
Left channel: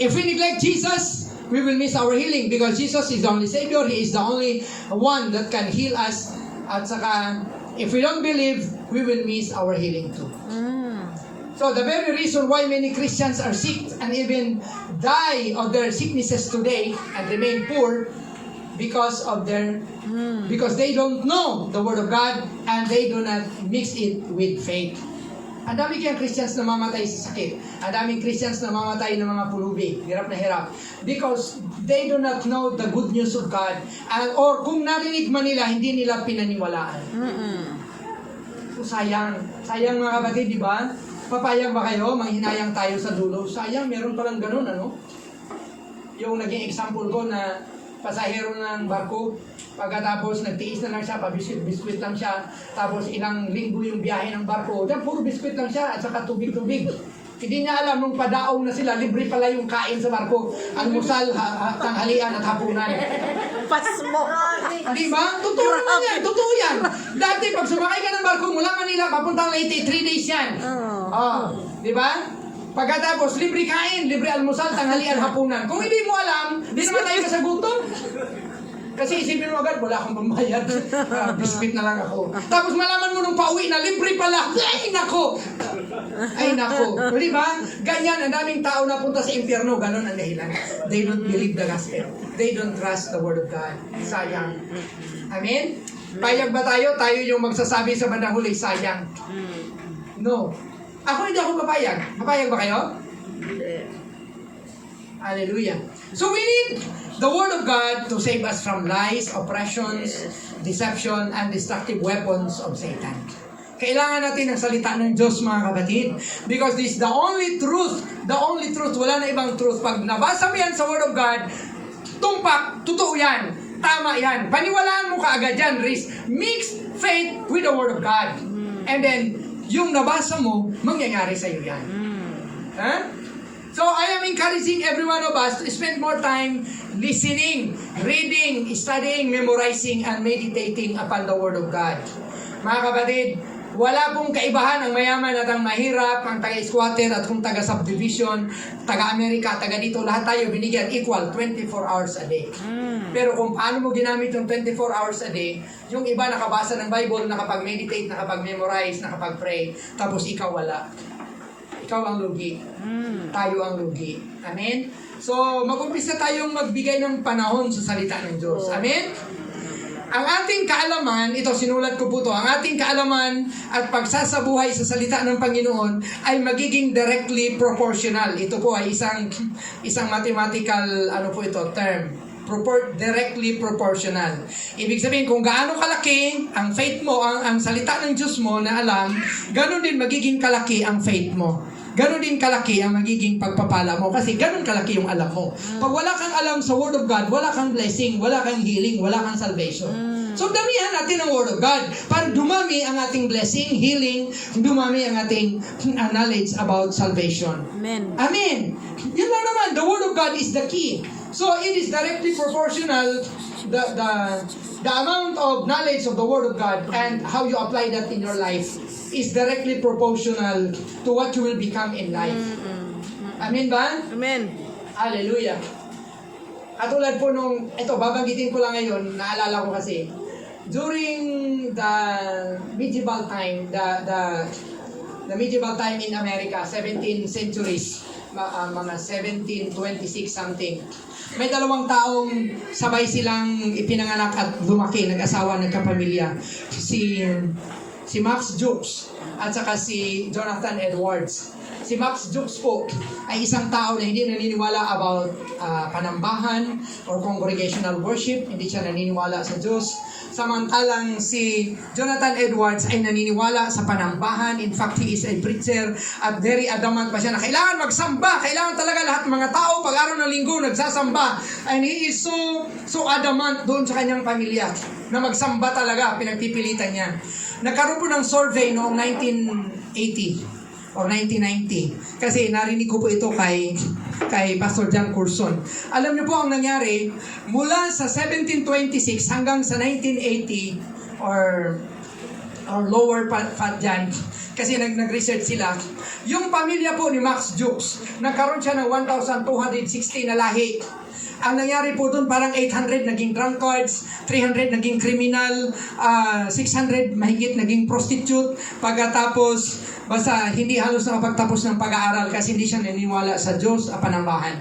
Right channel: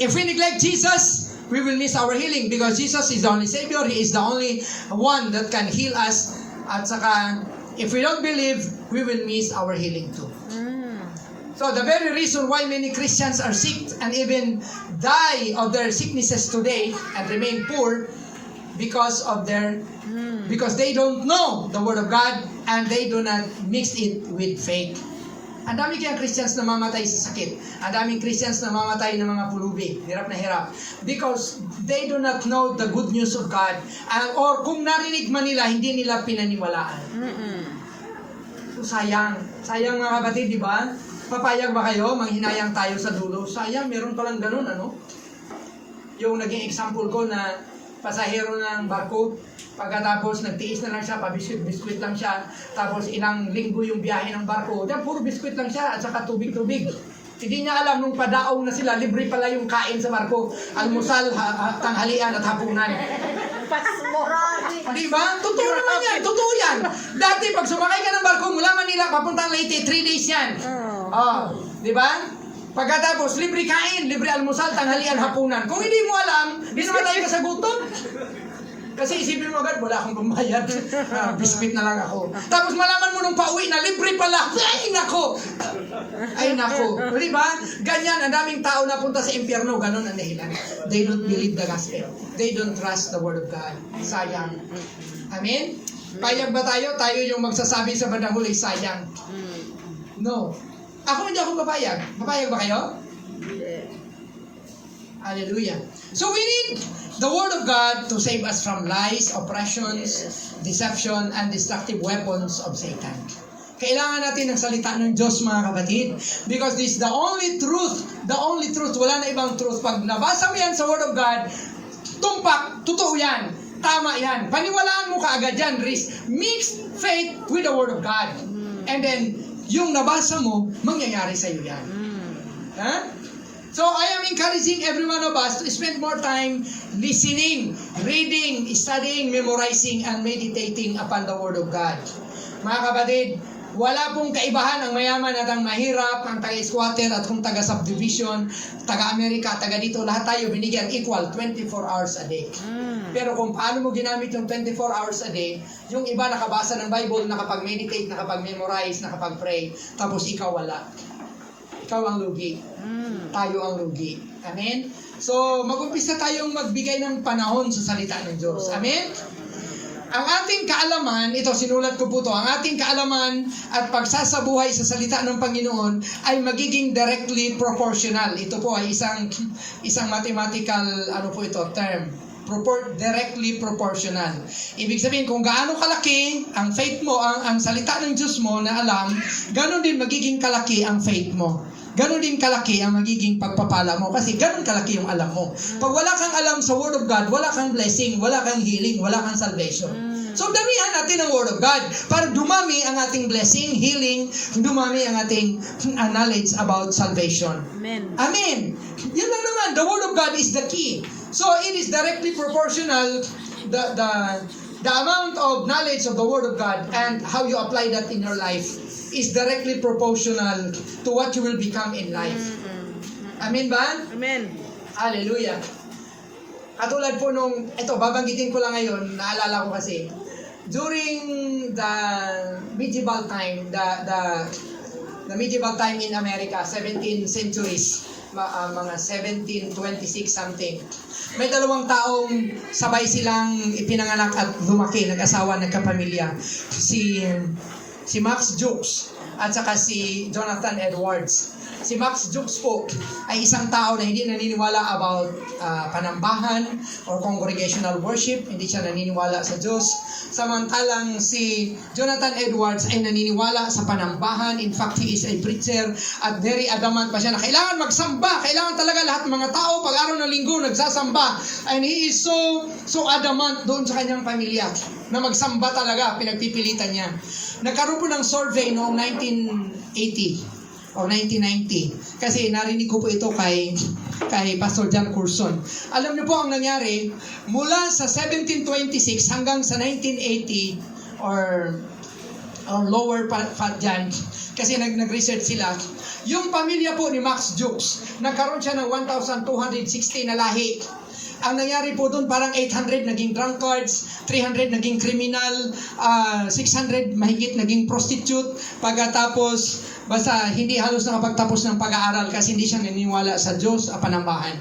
If we neglect Jesus, we will miss our healing because Jesus is the only Savior. He is the only one that can heal us. At saka, if we don't believe, we will miss our healing too. So the very reason why many Christians are sick and even die of their sicknesses today and remain poor because they don't know the Word of God and they do not mix it with faith. Ang dami kayang Christians na mamatay sa sakit. Ang daming Christians na mamatay ng mga pulubi. Hirap na hirap. Because they do not know the good news of God. Or kung narinig man nila, hindi nila pinaniwalaan. So sayang. Sayang mga kapatid, di ba? Papayag ba kayo? Manghinayang tayo sa dulo. Sayang, meron palang ganun, ano? Yung naging example ko na pasahero ng barko, pagkatapos nagtiis na lang siya, pabiskwit lang siya, tapos ilang linggo yung biyahe ng barko, diyan puro biskwit lang siya at saka tubig-tubig. Hindi niya alam nung padaong na sila, libre pala yung kain sa barko, almusal, tanghalian at hapunan. Pasmo. Di ba? Totoo naman yan, totoo yan. Dati pag sumakay ka ng barko mula Manila, papuntang Leyte, 3 days yan. Di ba? Pagkatapos, libre kain, libre almusal, tanghalian, hapunan. Kung hindi mo alam, hindi naman tayo kasagutan. Kasi isipin mo agad, wala akong pambayad. Biscuit na lang ako. Tapos malaman mo nung pauwi na, libre pala. Ay, nako! Ay, nako. Di ba? Ganyan, ang daming tao na punta sa impyerno. Ganon ang dahilan. They don't believe the gospel. They don't trust the word of God. Sayang. Amen? Payag ba tayo? Tayo yung magsasabi sa bandang huli, sayang. No. Ako hindi ako papayag. Papayag ba kayo? Hallelujah. So we need the Word of God to save us from lies, oppressions, deception, and destructive weapons of Satan. Kailangan natin ng salita ng Diyos, mga kapatid. Because this is the only truth. The only truth. Wala na ibang truth. Pag nabasa mo yan sa Word of God, tumpak, totoo yan. Tama yan. Paniwalaan mo kaagad yan, Riz. Mix faith with the Word of God. And then, yung nabasa mo, mangyayari sa iyo yan. Huh? So, I am encouraging every one of us to spend more time listening, reading, studying, memorizing, and meditating upon the Word of God. Mga kapatid, wala pong kaibahan ang mayaman at ang mahirap, ang taga-squatter at kung taga-subdivision, taga-Amerika, taga-dito, lahat tayo binigyan equal 24 hours a day. Pero kung paano mo ginamit yung 24 hours a day, yung iba nakabasa ng Bible, nakapag-meditate, nakapag-memorize, nakapag-pray, tapos ikaw wala. Ikaw ang lugi. Tayo ang lugi. Amen? So, mag-umpisa tayong magbigay ng panahon sa salita ng Diyos. Amen? Ang ating kaalaman, ito sinulat ko po to, ang ating kaalaman at pagsasabuhay sa salita ng Panginoon ay magiging directly proportional. Ito po ay isang mathematical, term. Directly proportional. Ibig sabihin, kung gaano kalaki ang faith mo, ang salita ng Diyos mo na alam, ganon din magiging kalaki ang faith mo. Ganon din kalaki ang magiging pagpapala mo kasi ganon kalaki yung alam mo. Pag wala kang alam sa Word of God, wala kang blessing, wala kang healing, wala kang salvation. So damihan natin ang Word of God para dumami ang ating blessing, healing, dumami ang ating knowledge about salvation. Amen. Amen. Yun lang naman. The Word of God is the key. So it is directly proportional the amount of knowledge of the Word of God and how you apply that in your life is directly proportional to what you will become in life. Amen ba? Amen. Hallelujah. Katulad po nung, babanggitin ko lang ngayon, naalala ko kasi, during the medieval time, the medieval time in America, 17th centuries, mga 1726 something, may dalawang taong sabay silang ipinanganak at lumaki, nag-asawa, nagkapamilya. Si Max Jukes at saka si Jonathan Edwards. Si Max Jukes po ay isang tao na hindi naniniwala about panambahan or congregational worship. Hindi siya naniniwala sa Diyos. Samantalang si Jonathan Edwards ay naniniwala sa panambahan. In fact, he is a preacher at very adamant pa siya na kailangan magsamba. Kailangan talaga lahat ng mga tao pag araw ng linggo nagsasamba. And he is so adamant doon sa kanyang pamilya na magsamba talaga. Pinagpipilitan niya. Nagkaroon po ng survey noong 1980. Or 1990. Kasi narinig ko po ito kay Pastor John Curson. Alam niyo po ang nangyari, mula sa 1726 hanggang sa 1980 or or lower fat giant. Kasi nag-research sila. Yung pamilya po ni Max Jukes, nagkaroon siya ng 1,260 na lahi. Ang nangyari po doon, parang 800 naging drunkards, 300 naging criminal, 600 mahigit naging prostitute. Pagkatapos, basta hindi halos nakapagtapos ng pag-aaral kasi hindi siya naniniwala sa Diyos at panambahan.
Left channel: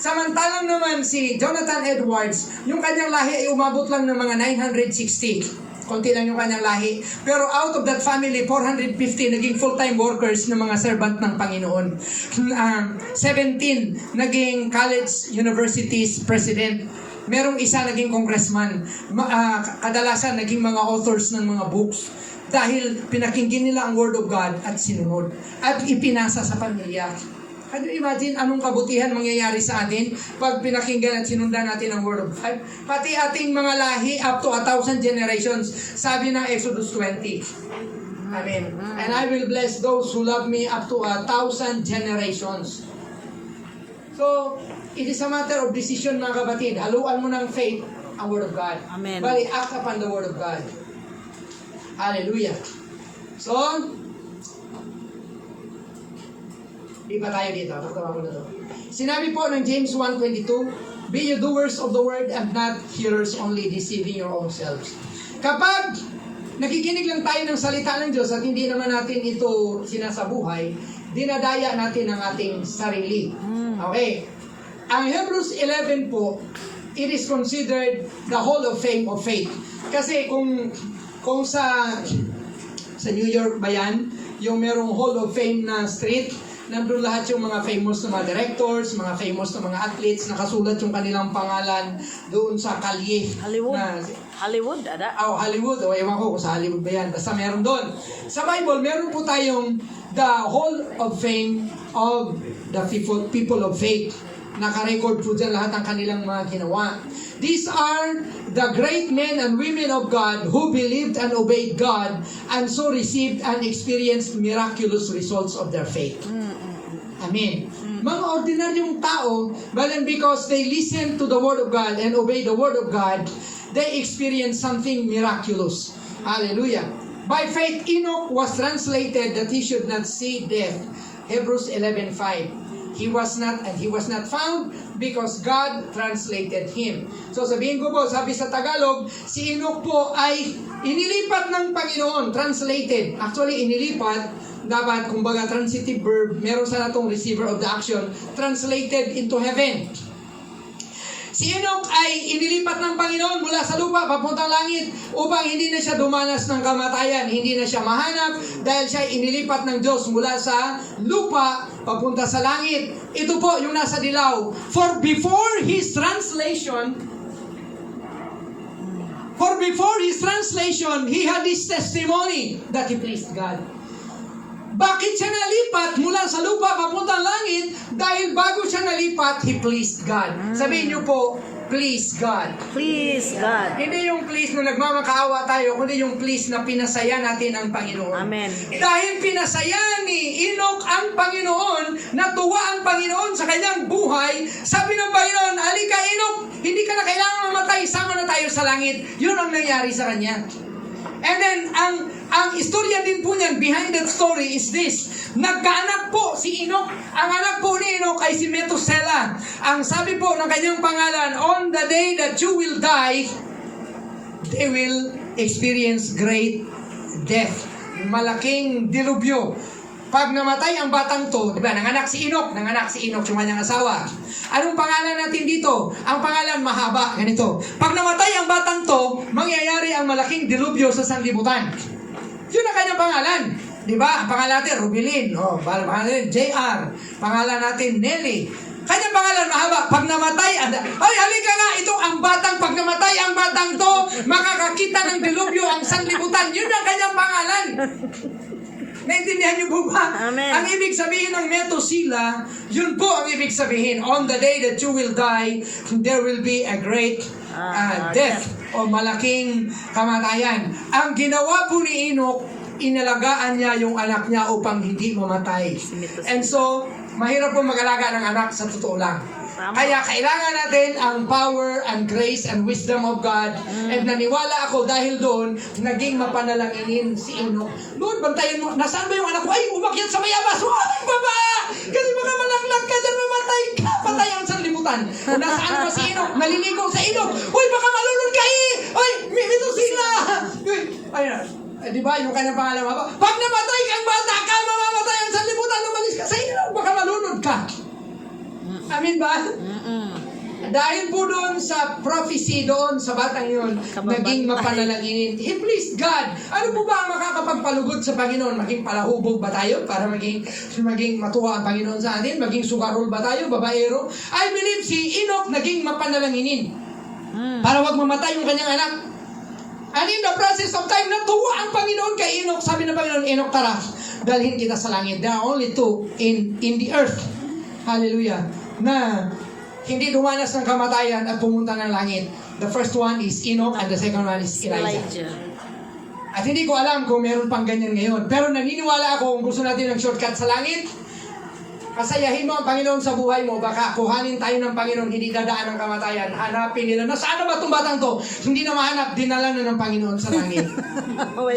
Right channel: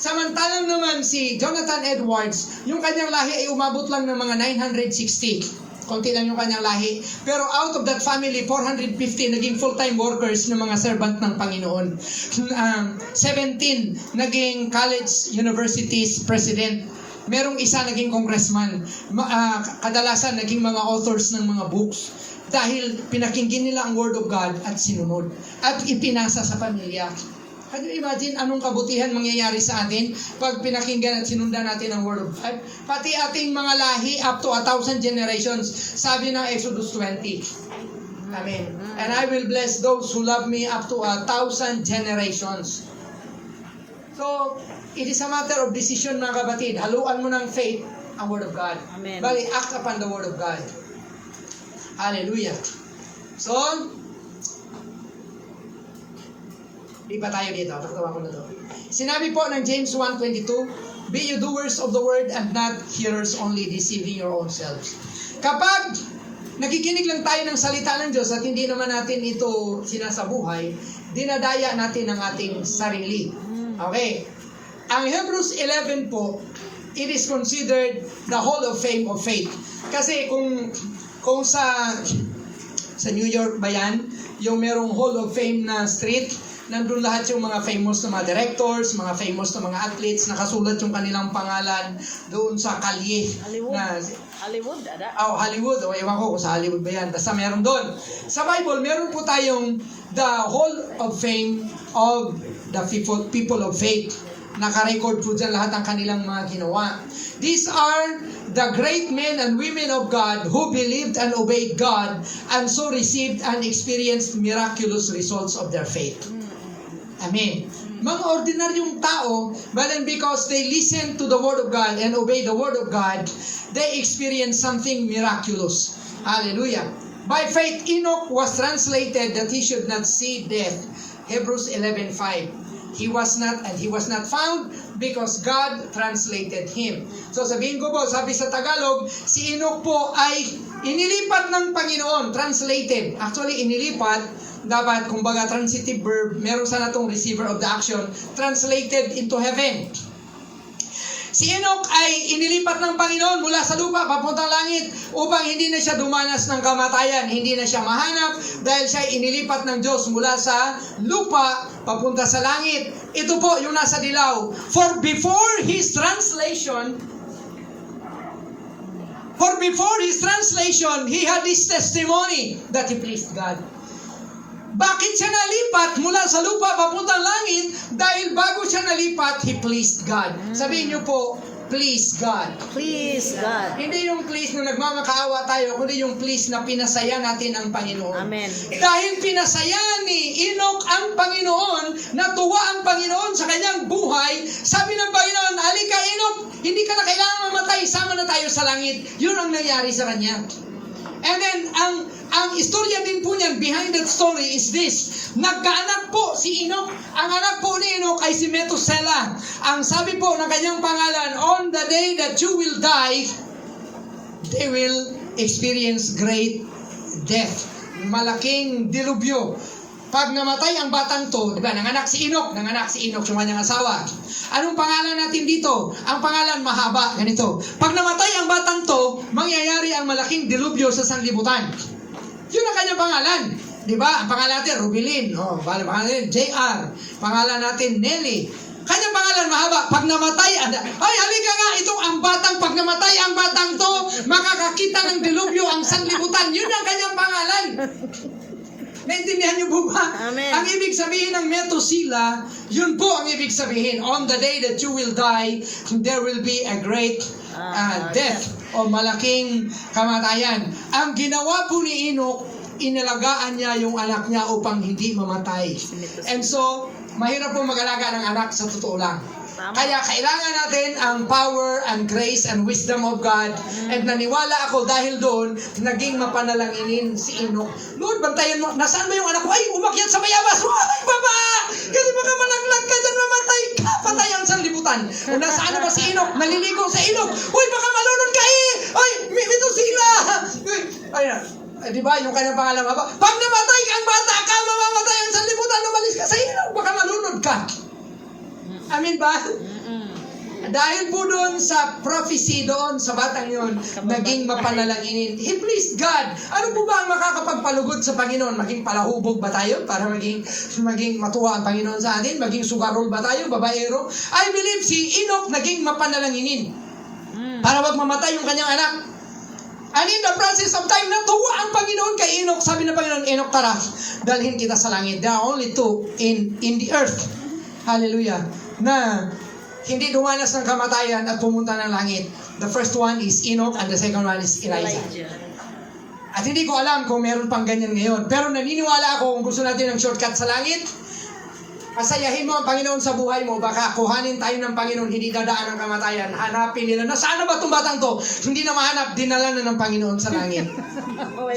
Samantalang naman si Jonathan Edwards, yung kanyang lahi ay umabot lang ng mga 960. Konti lang yung kanyang lahi. Pero out of that family, 450 naging full-time workers ng mga servant ng Panginoon. 17 naging college universities president. Merong isa naging congressman. Kadalasan naging mga authors ng mga books. Dahil pinakinggan nila ang Word of God at sinunod. At ipinasa sa pamilya. Can you imagine anong kabutihan mangyayari sa atin pag pinakinggan at sinundan natin ang Word of God? Pati ating mga lahi up to 1,000 generations. Sabi ng Exodus 20. Amen. And I will bless those who love me up to 1,000 generations. So, it is a matter of decision mga kapatid. Haluan mo ng faith ang Word of God. Amen. Bali, act upon the Word of God. Hallelujah. So, di pa tayo dito. Taktawa ko na to. Sinabi po ng James 1:22, be you doers of the word and not hearers only, deceiving your own selves. Kapag nakikinig lang tayo ng salita ng Diyos at hindi naman natin ito sinasabuhay, dinadaya natin ang ating sarili. Okay. Ang Hebrews 11 po, it is considered the Hall of Fame of faith. Kasi kung sa New York ba yan, yung merong Hall of Fame na street, nandun lahat yung mga famous na mga directors, mga famous na mga athletes, nakasulat yung kanilang pangalan doon sa kalye. Hollywood. Na, Hollywood, ada? Hollywood. O, ewan ko kung sa Hollywood ba yan. Basta meron doon. Sa Bible, meron po tayong the Hall of Fame of the people of faith. Naka-record po dyan lahat ang kanilang mga ginawa. These are the great men and women of God who believed and obeyed God and so received and experienced miraculous results of their faith. Amen. Mga ordinaryong tao, but then because they listen to the Word of God and obey the Word of God, they experience something miraculous. Hallelujah. By faith, Enoch was translated that he should not see death. Hebrews 11:5. He was not found because God translated him. So sabihin ko po, sabi sa Tagalog, si Enoch po ay inilipat ng Panginoon, translated. Actually, inilipat, dapat, kumbaga, transitive verb, meron sana itong receiver of the action, translated into heaven. Si Enoch ay inilipat ng Panginoon mula sa lupa papuntang langit upang hindi na siya dumanas ng kamatayan, hindi na siya mahanap dahil siya ay inilipat ng Diyos mula sa lupa papunta sa langit. Ito po yung nasa dilaw. For before his translation, he had this testimony that he pleased God. Bakit siya nalipat mula sa lupa papuntang langit? Dahil bago siya nalipat, he pleased God. Sabihin niyo po, please God. Please God. Hindi yung please na nagmamakaawa tayo, kundi yung please na pinasaya natin ang Panginoon. Amen. Dahil pinasaya ni Enoch ang Panginoon, natuwa ang Panginoon sa kanyang buhay, sabi ng Panginoon, alika Enoch, hindi ka na kailangan mamatay, sama na tayo sa langit. Yun ang nangyari sa kanya. And then, ang istorya din po niyan, behind that story is this. Nagkaanak po si Enoch. Ang anak po ni Enoch ay si Methuselah. Ang sabi po ng kanyang pangalan, on the day that you will die, they will experience great death. Malaking dilubyo. Pag namatay ang batang to, di ba, nanganak si Enoch yung kanyang asawa. Anong pangalan natin dito? Ang pangalan mahaba, ganito. Pag namatay ang batang to, mangyayari ang malaking dilubyo sa sanlibutan. Yun ang kanyang pangalan. Di ba? Ang pangalan natin, Rubilin. Pangalan natin, JR. Pangalan natin, Nelly. Kanyang pangalan mahaba. Pag namatay, ay, halika nga, ito ang batang, pag namatay ang batang to, makakakita ng dilubyo ang sanlibutan. Yun ang kanyang pangalan. Naintindihan niyo po ba? Amen. Ang ibig sabihin ng Methuselah, yun po ang ibig sabihin. On the day that you will die, there will be a great death o malaking kamatayan. Ang ginawa po ni Enoch, inalagaan niya yung anak niya upang hindi mamatay. And so, mahirap po mag-alaga ng anak sa totoo lang. Tama. Kaya kailangan natin ang power and grace and wisdom of God. And naniwala ako dahil doon, naging mapanalanginin si Enoch. Lord, bantayan mo, nasaan ba yung anak ko? Ay, umakyat sa mayabas. Ay, baba! Kasi baka malaglag ka dyan, mamatay ka. Patay ang sanlibutan. Kung nasaan ba si Enoch? Naliligo sa ilog. Uy, baka malunod ka eh! Ay, mito sila! Ay, di ba, yung kanyang pangalan, pag namatay kang bata ka, mamamatay ang sanlibutan, lumalis ka sa ilog, baka malunod ka. Amin ba? Dahil po doon sa prophecy doon sa batang yun, naging mapanalanginin. He pleased God. Ano po ba ang makakapagpalugod sa Panginoon? Maging palahubog ba tayo para maging matuwa ang Panginoon sa atin? Maging sugarol ba tayo? Babaero? I believe si Enoch naging mapanalanginin para wag mamatay yung kanyang anak. And in the process of time, natuwa ang Panginoon kay Enoch. Sabi ng Panginoon, Enoch, tara, dalhin kita sa langit. There are only two in the earth. Hallelujah. Na hindi dumanas ng kamatayan at pumunta ng langit. The first one is Enoch and the second one is Elijah. At hindi ko alam kung meron pang ganyan ngayon. Pero naniniwala ako kung gusto natin ng shortcut sa langit, pasayahin mo ang Panginoon sa buhay mo. Baka kuhanin tayo ng Panginoon, hindi dadaan ng kamatayan. Hanapin nila, nasaan na ba itong batang to? Hindi na mahanap, dinala na ng Panginoon sa langit.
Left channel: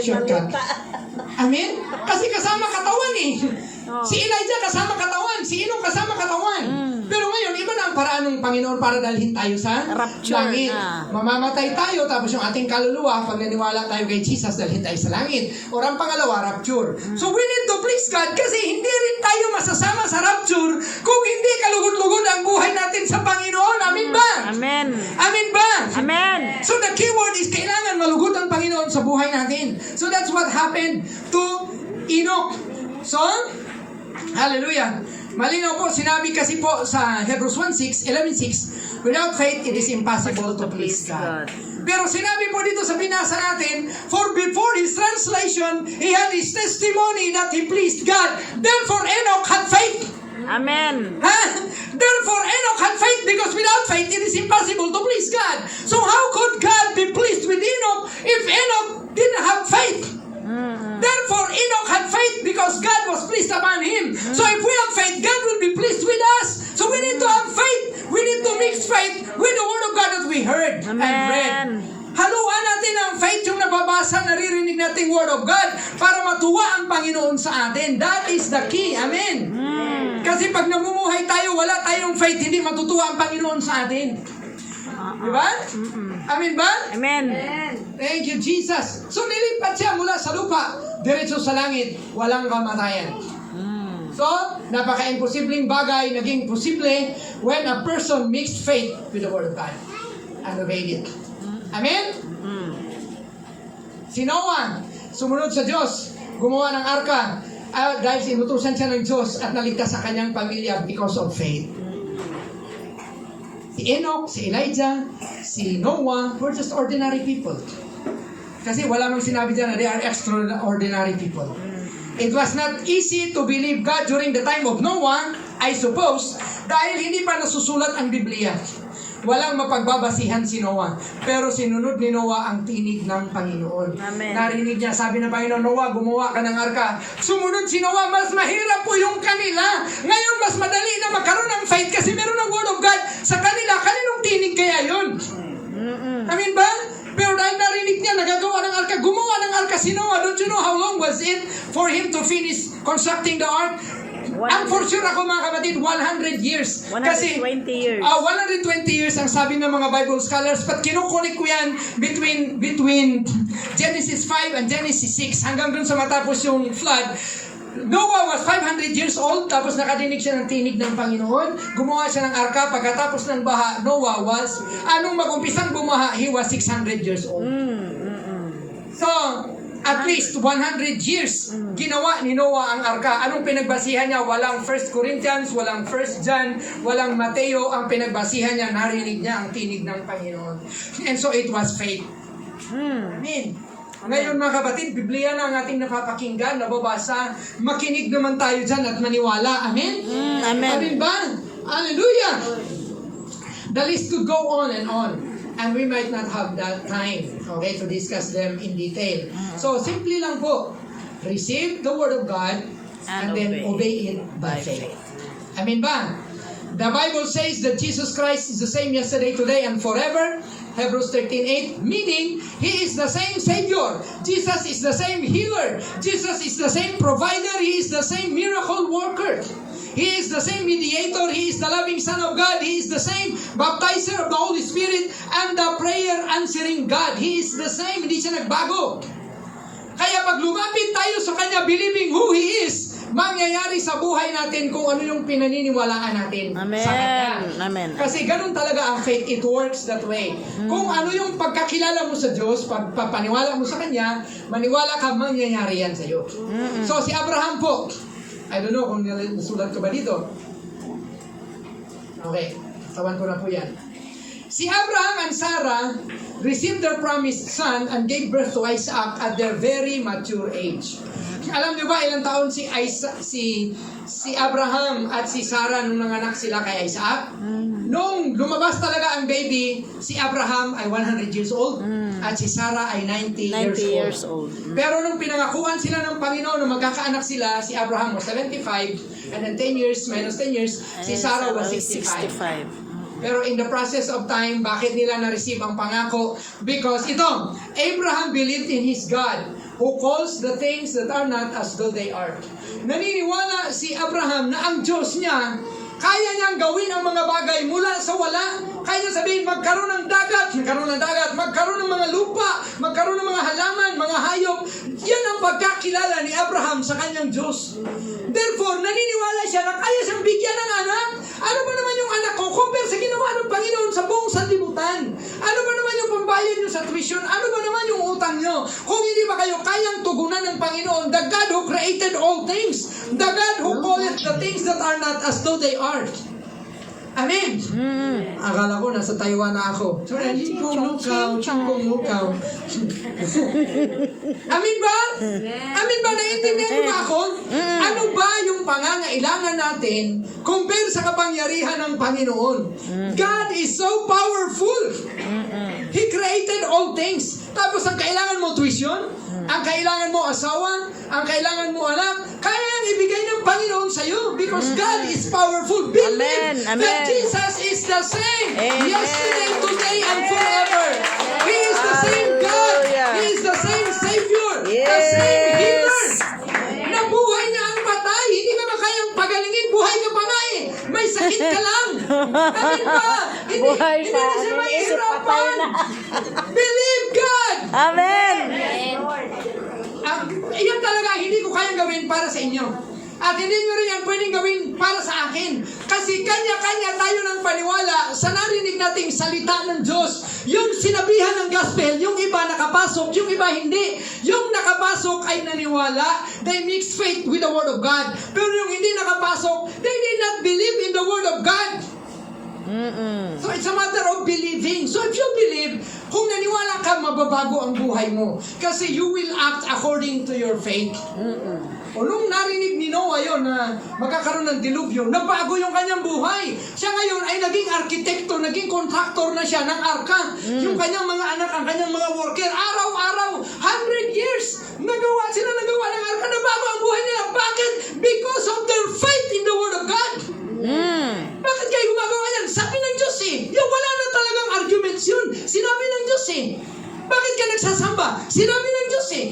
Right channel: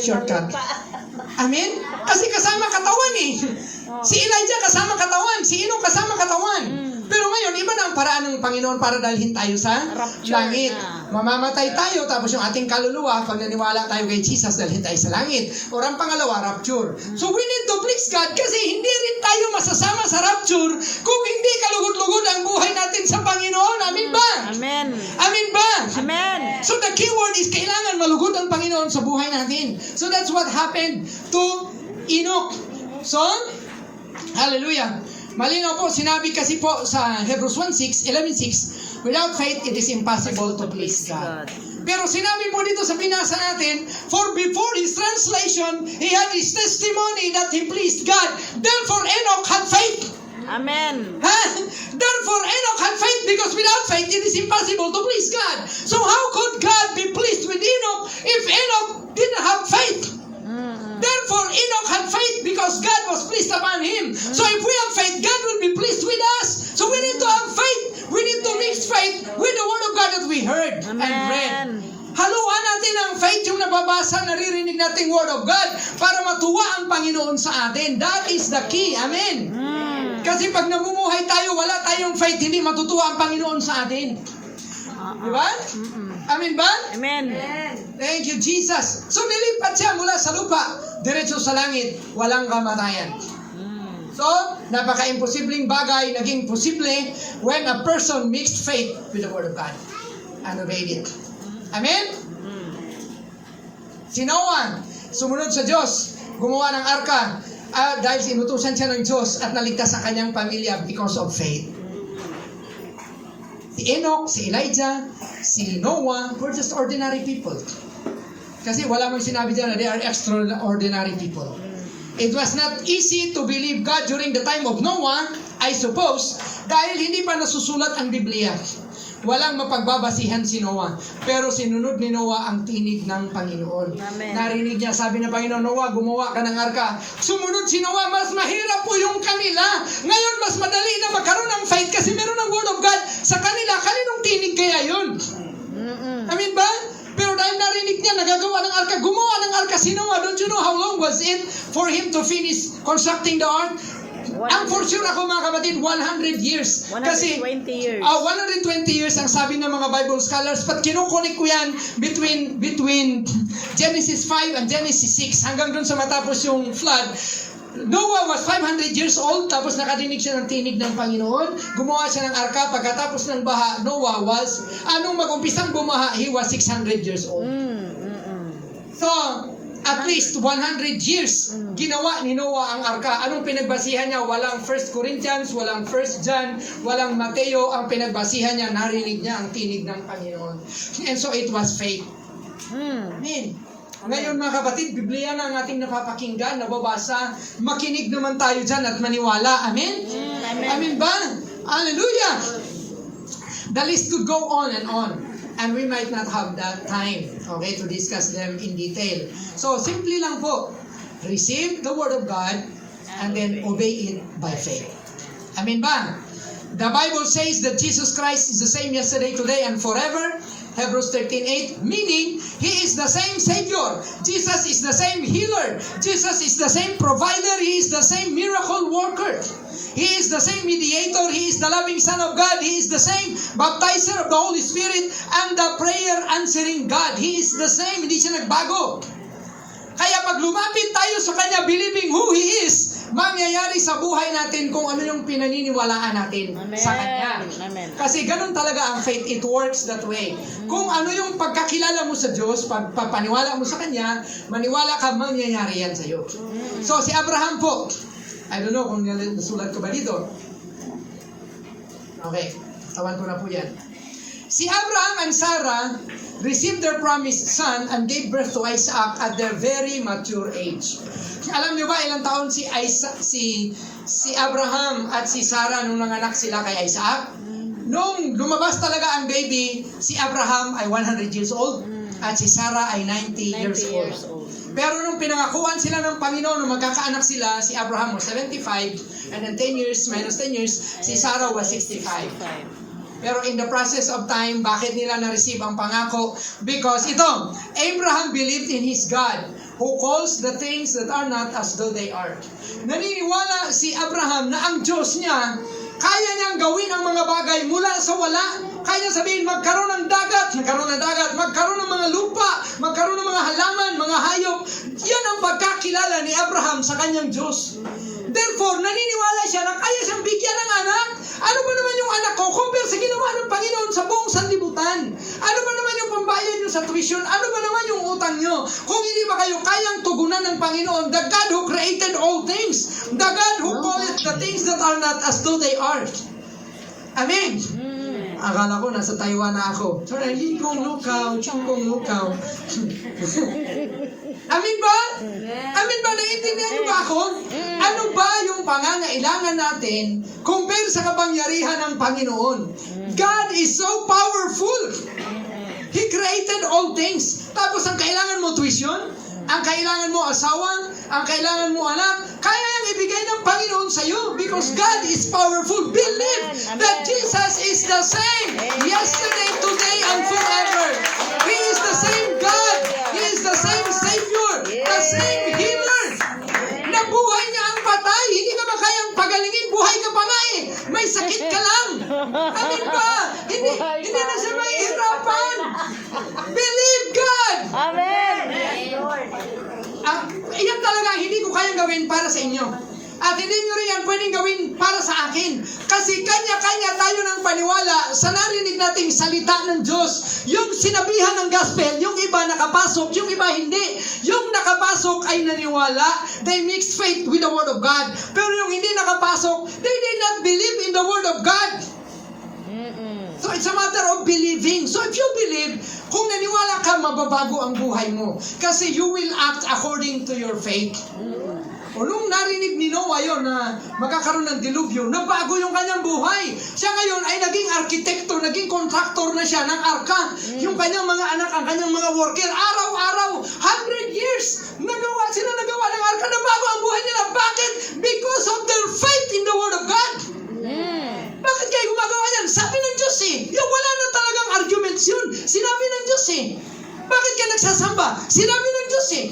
Shortcut. Amen? Kasi kasama katawan eh. Si Elijah kasama katawan, si Enoch kasama katawan. Pero ngayon, iba na ang paraan ng Panginoon para dalhin tayo sa Rapture langit. na. Mamamatay tayo, tapos yung ating kaluluwa, pag naniwala tayo kay Jesus, dalhin tayo sa langit. O ang pangalawa, rapture. So we need to please God kasi hindi rin tayo masasama sa rapture kung hindi kalugod-lugod ang buhay natin sa Panginoon. Amin ba? Amen. Amin ba? Amen. So the key word is kailangan malugod ang Panginoon sa buhay natin. So that's what happened to Enoch. So, hallelujah. Malinaw po, sinabi kasi po sa Hebrews 11:6, without faith, it is impossible to please God. Pero sinabi po dito sa binasa natin, for before his translation, he had his testimony that he pleased God. Therefore, Enoch had faith. Amen. Therefore, Enoch had faith because without faith, it is impossible to please God. So how could God be pleased with Enoch if Enoch didn't have faith? Therefore, Enoch had faith because God was pleased upon him. So if we have faith, God will be pleased with us. So we need to have faith. We need to mix faith with the Word of God that we heard and read. Amen. Haluan natin ang faith, yung nababasa, naririnig nating Word of God para matuwa ang Panginoon sa atin. That is the key. Amen. Kasi pag namumuhay tayo, wala tayong faith, hindi matutuwa ang Panginoon sa atin. Diba? Amen ba? Amen. Thank you, Jesus. So, nilipat siya mula sa lupa, diretso sa langit, walang kamatayan. So, napaka-imposibleng bagay, naging posible when a person mixed faith with the Word of God and obeyed it. Amen? Si Noah, sumunod sa Diyos, gumawa ng arka, dahil sinutusan siya ng Diyos at naligtas ang kanyang pamilya because of faith. Si Enoch, si Elijah, si Noah were just ordinary people. Kasi wala mang sinabi dyan na they are extraordinary people. It was not easy to believe God during the time of Noah, I suppose, dahil hindi pa nasusulat ang Biblia. Walang mapagbabasihan si Noah. Pero sinunod ni Noah ang tinig ng Panginoon. Amen. Narinig niya, sabi ng Panginoon, Noah, gumawa ka ng arka. Sumunod si Noah, mas mahirap po yung kanila. Ngayon, mas madali na magkaroon ng faith kasi meron ng Word of God sa kanila. Kaninong tinig kaya yun? Amin ba? Pero dahil narinig niya, nagagawa ng arka, gumawa ng arka si Noah. Don't you know how long was it for him to finish constructing the ark? Ang for sure ako mga kapatid, 100 years. 120 years. 120 years ang sabi ng mga Bible scholars. But kinukunik ko yan between Genesis 5 and Genesis 6 hanggang dun sa matapos yung flood. Noah was 500 years old, tapos nakadinig siya ng tinig ng Panginoon. Gumawa siya ng arka. Pagkatapos ng baha, Noah was, anong mag-umpisang bumaha, he was 600 years old. So, at least 100 years ginawa ni Noah ang arka. Anong pinagbasihan niya? Walang 1 Corinthians, walang 1 John, walang Mateo. Ang pinagbasihan niya, narinig niya ang tinig ng Panginoon. And so it was faith. Amen. Ngayon mga kapatid, Biblia na ang ating napapakinggan, nababasa. Makinig naman tayo dyan at maniwala. Amen? Amen. Amen ba? Hallelujah! The list could go on and on. And we might not have that time, okay, to discuss them in detail. So, simply lang po, receive the Word of God and then obey it by faith. Amen ba? The Bible says that Jesus Christ is the same yesterday, today, and forever. Hebrews 13:8, meaning He is the same Savior. Jesus is the same healer. Jesus is the same provider. He is the same miracle worker. He is the same mediator. He is the loving Son of God. He is the same baptizer of the Holy Spirit and the prayer answering God. He is the same. Hindi siya nagbago. Kaya pag lumapit tayo sa Kanya, believing who He is, mangyayari sa buhay natin kung ano yung pinaniniwalaan natin Amen. sa Kanya. Amen. Kasi ganun talaga ang faith. It works that way. Kung ano yung pagkakilala mo sa Diyos, pagpapaniwala mo sa Kanya, maniwala ka, mangyayari yan sa iyo. So si Abraham po, I don't know kung nasulat ko ba dito. Okay, tawan ko na po yan. Si Abraham and Sarah received their promised son and gave birth to Isaac at their very mature age. Alam niyo ba ilang taon si Abraham at si Sarah nung nanganak sila kay Isaac? Nung lumabas talaga ang baby, si Abraham ay 100 years old at si Sarah ay 90 years old. Pero nung pinangakuan sila ng Panginoon, nung magkakaanak sila, si Abraham was 75 and then 10 years minus 10 years, si Sarah was 65. Pero in the process of time, bakit nila na-receive ang pangako? Because ito, Abraham believed in his God, who calls the things that are not as though they are. Naniniwala si Abraham na ang Diyos niya, kaya niyang gawin ang mga bagay mula sa wala. Kaya niya sabihin, magkaroon ng dagat, magkaroon ng mga lupa, magkaroon ng mga halaman, mga hayop. Yan ang pagkakilala ni Abraham sa kanyang Diyos. Therefore, naniniwala siya na kaya siyang bigyan ng anak. Ano ba naman yung anak ko compare sa ginawa ng Panginoon sa buong sanlibutan? Ano ba naman yung pambayad nyo sa tuition? Ano ba naman yung utang nyo? Kung hindi ba kayo kayang tugunan ng Panginoon, the God who created all things, the God who calleth the things that are not as though they are. Amen. Akala ko nasa Taiwan na ako. Sorry, chingkong lukaw. Amin ba? Amin ba? Naiintindihan niyo ba ako? Ano ba yung pangangailangan natin compare sa kapangyarihan ng Panginoon? God is so powerful. He created all things. Tapos ang kailangan mo tuition, ang kailangan mo asawa, ang kailangan mo anak, kaya yang ibigay ng Panginoon sa iyo because God is powerful. Believe that Jesus is the same yesterday, today, and forever. He is the same God. He is the same Savior. The same healer. Nabuhay niya ang patay. Hindi ka ba kayang pagalingin? Buhay ka pa nga eh. May sakit ka lang. Amin ba? Hindi na siya mahihirapan. Believe God. Amen. Iyan talaga hindi ko kayang gawin para sa inyo. At hindi nyo rin yan pwedeng gawin para sa akin. Kasi kanya-kanya tayo ng paniwala sa narinig nating salita ng Diyos. Yung sinabihan ng gospel, yung iba nakapasok, yung iba hindi. Yung nakapasok ay naniwala. They mixed faith with the Word of God. Pero yung hindi nakapasok, they did not believe in the Word of God. So it's a matter of believing. So if you believe, kung naniwala ka, mababago ang buhay mo. Kasi you will act according to your faith. O nung narinig ni Noah yun na magkakaroon ng dilubyo, nabago yung kanyang buhay. Siya ngayon ay naging arkitekto, naging contractor na siya ng arka. Yung kanyang mga anak, ang kanyang mga worker, araw-araw, 100 years, nagawa ng arka, nabago ang buhay nila. Bakit? Because of their faith in the Word of God. Bakit kayo gumagawa yan? Sabi ng Diyos eh. Yung wala na talagang arguments yun. Sinabi ng Diyos eh. Bakit ka nagsasamba? Sinabi ng Diyos eh.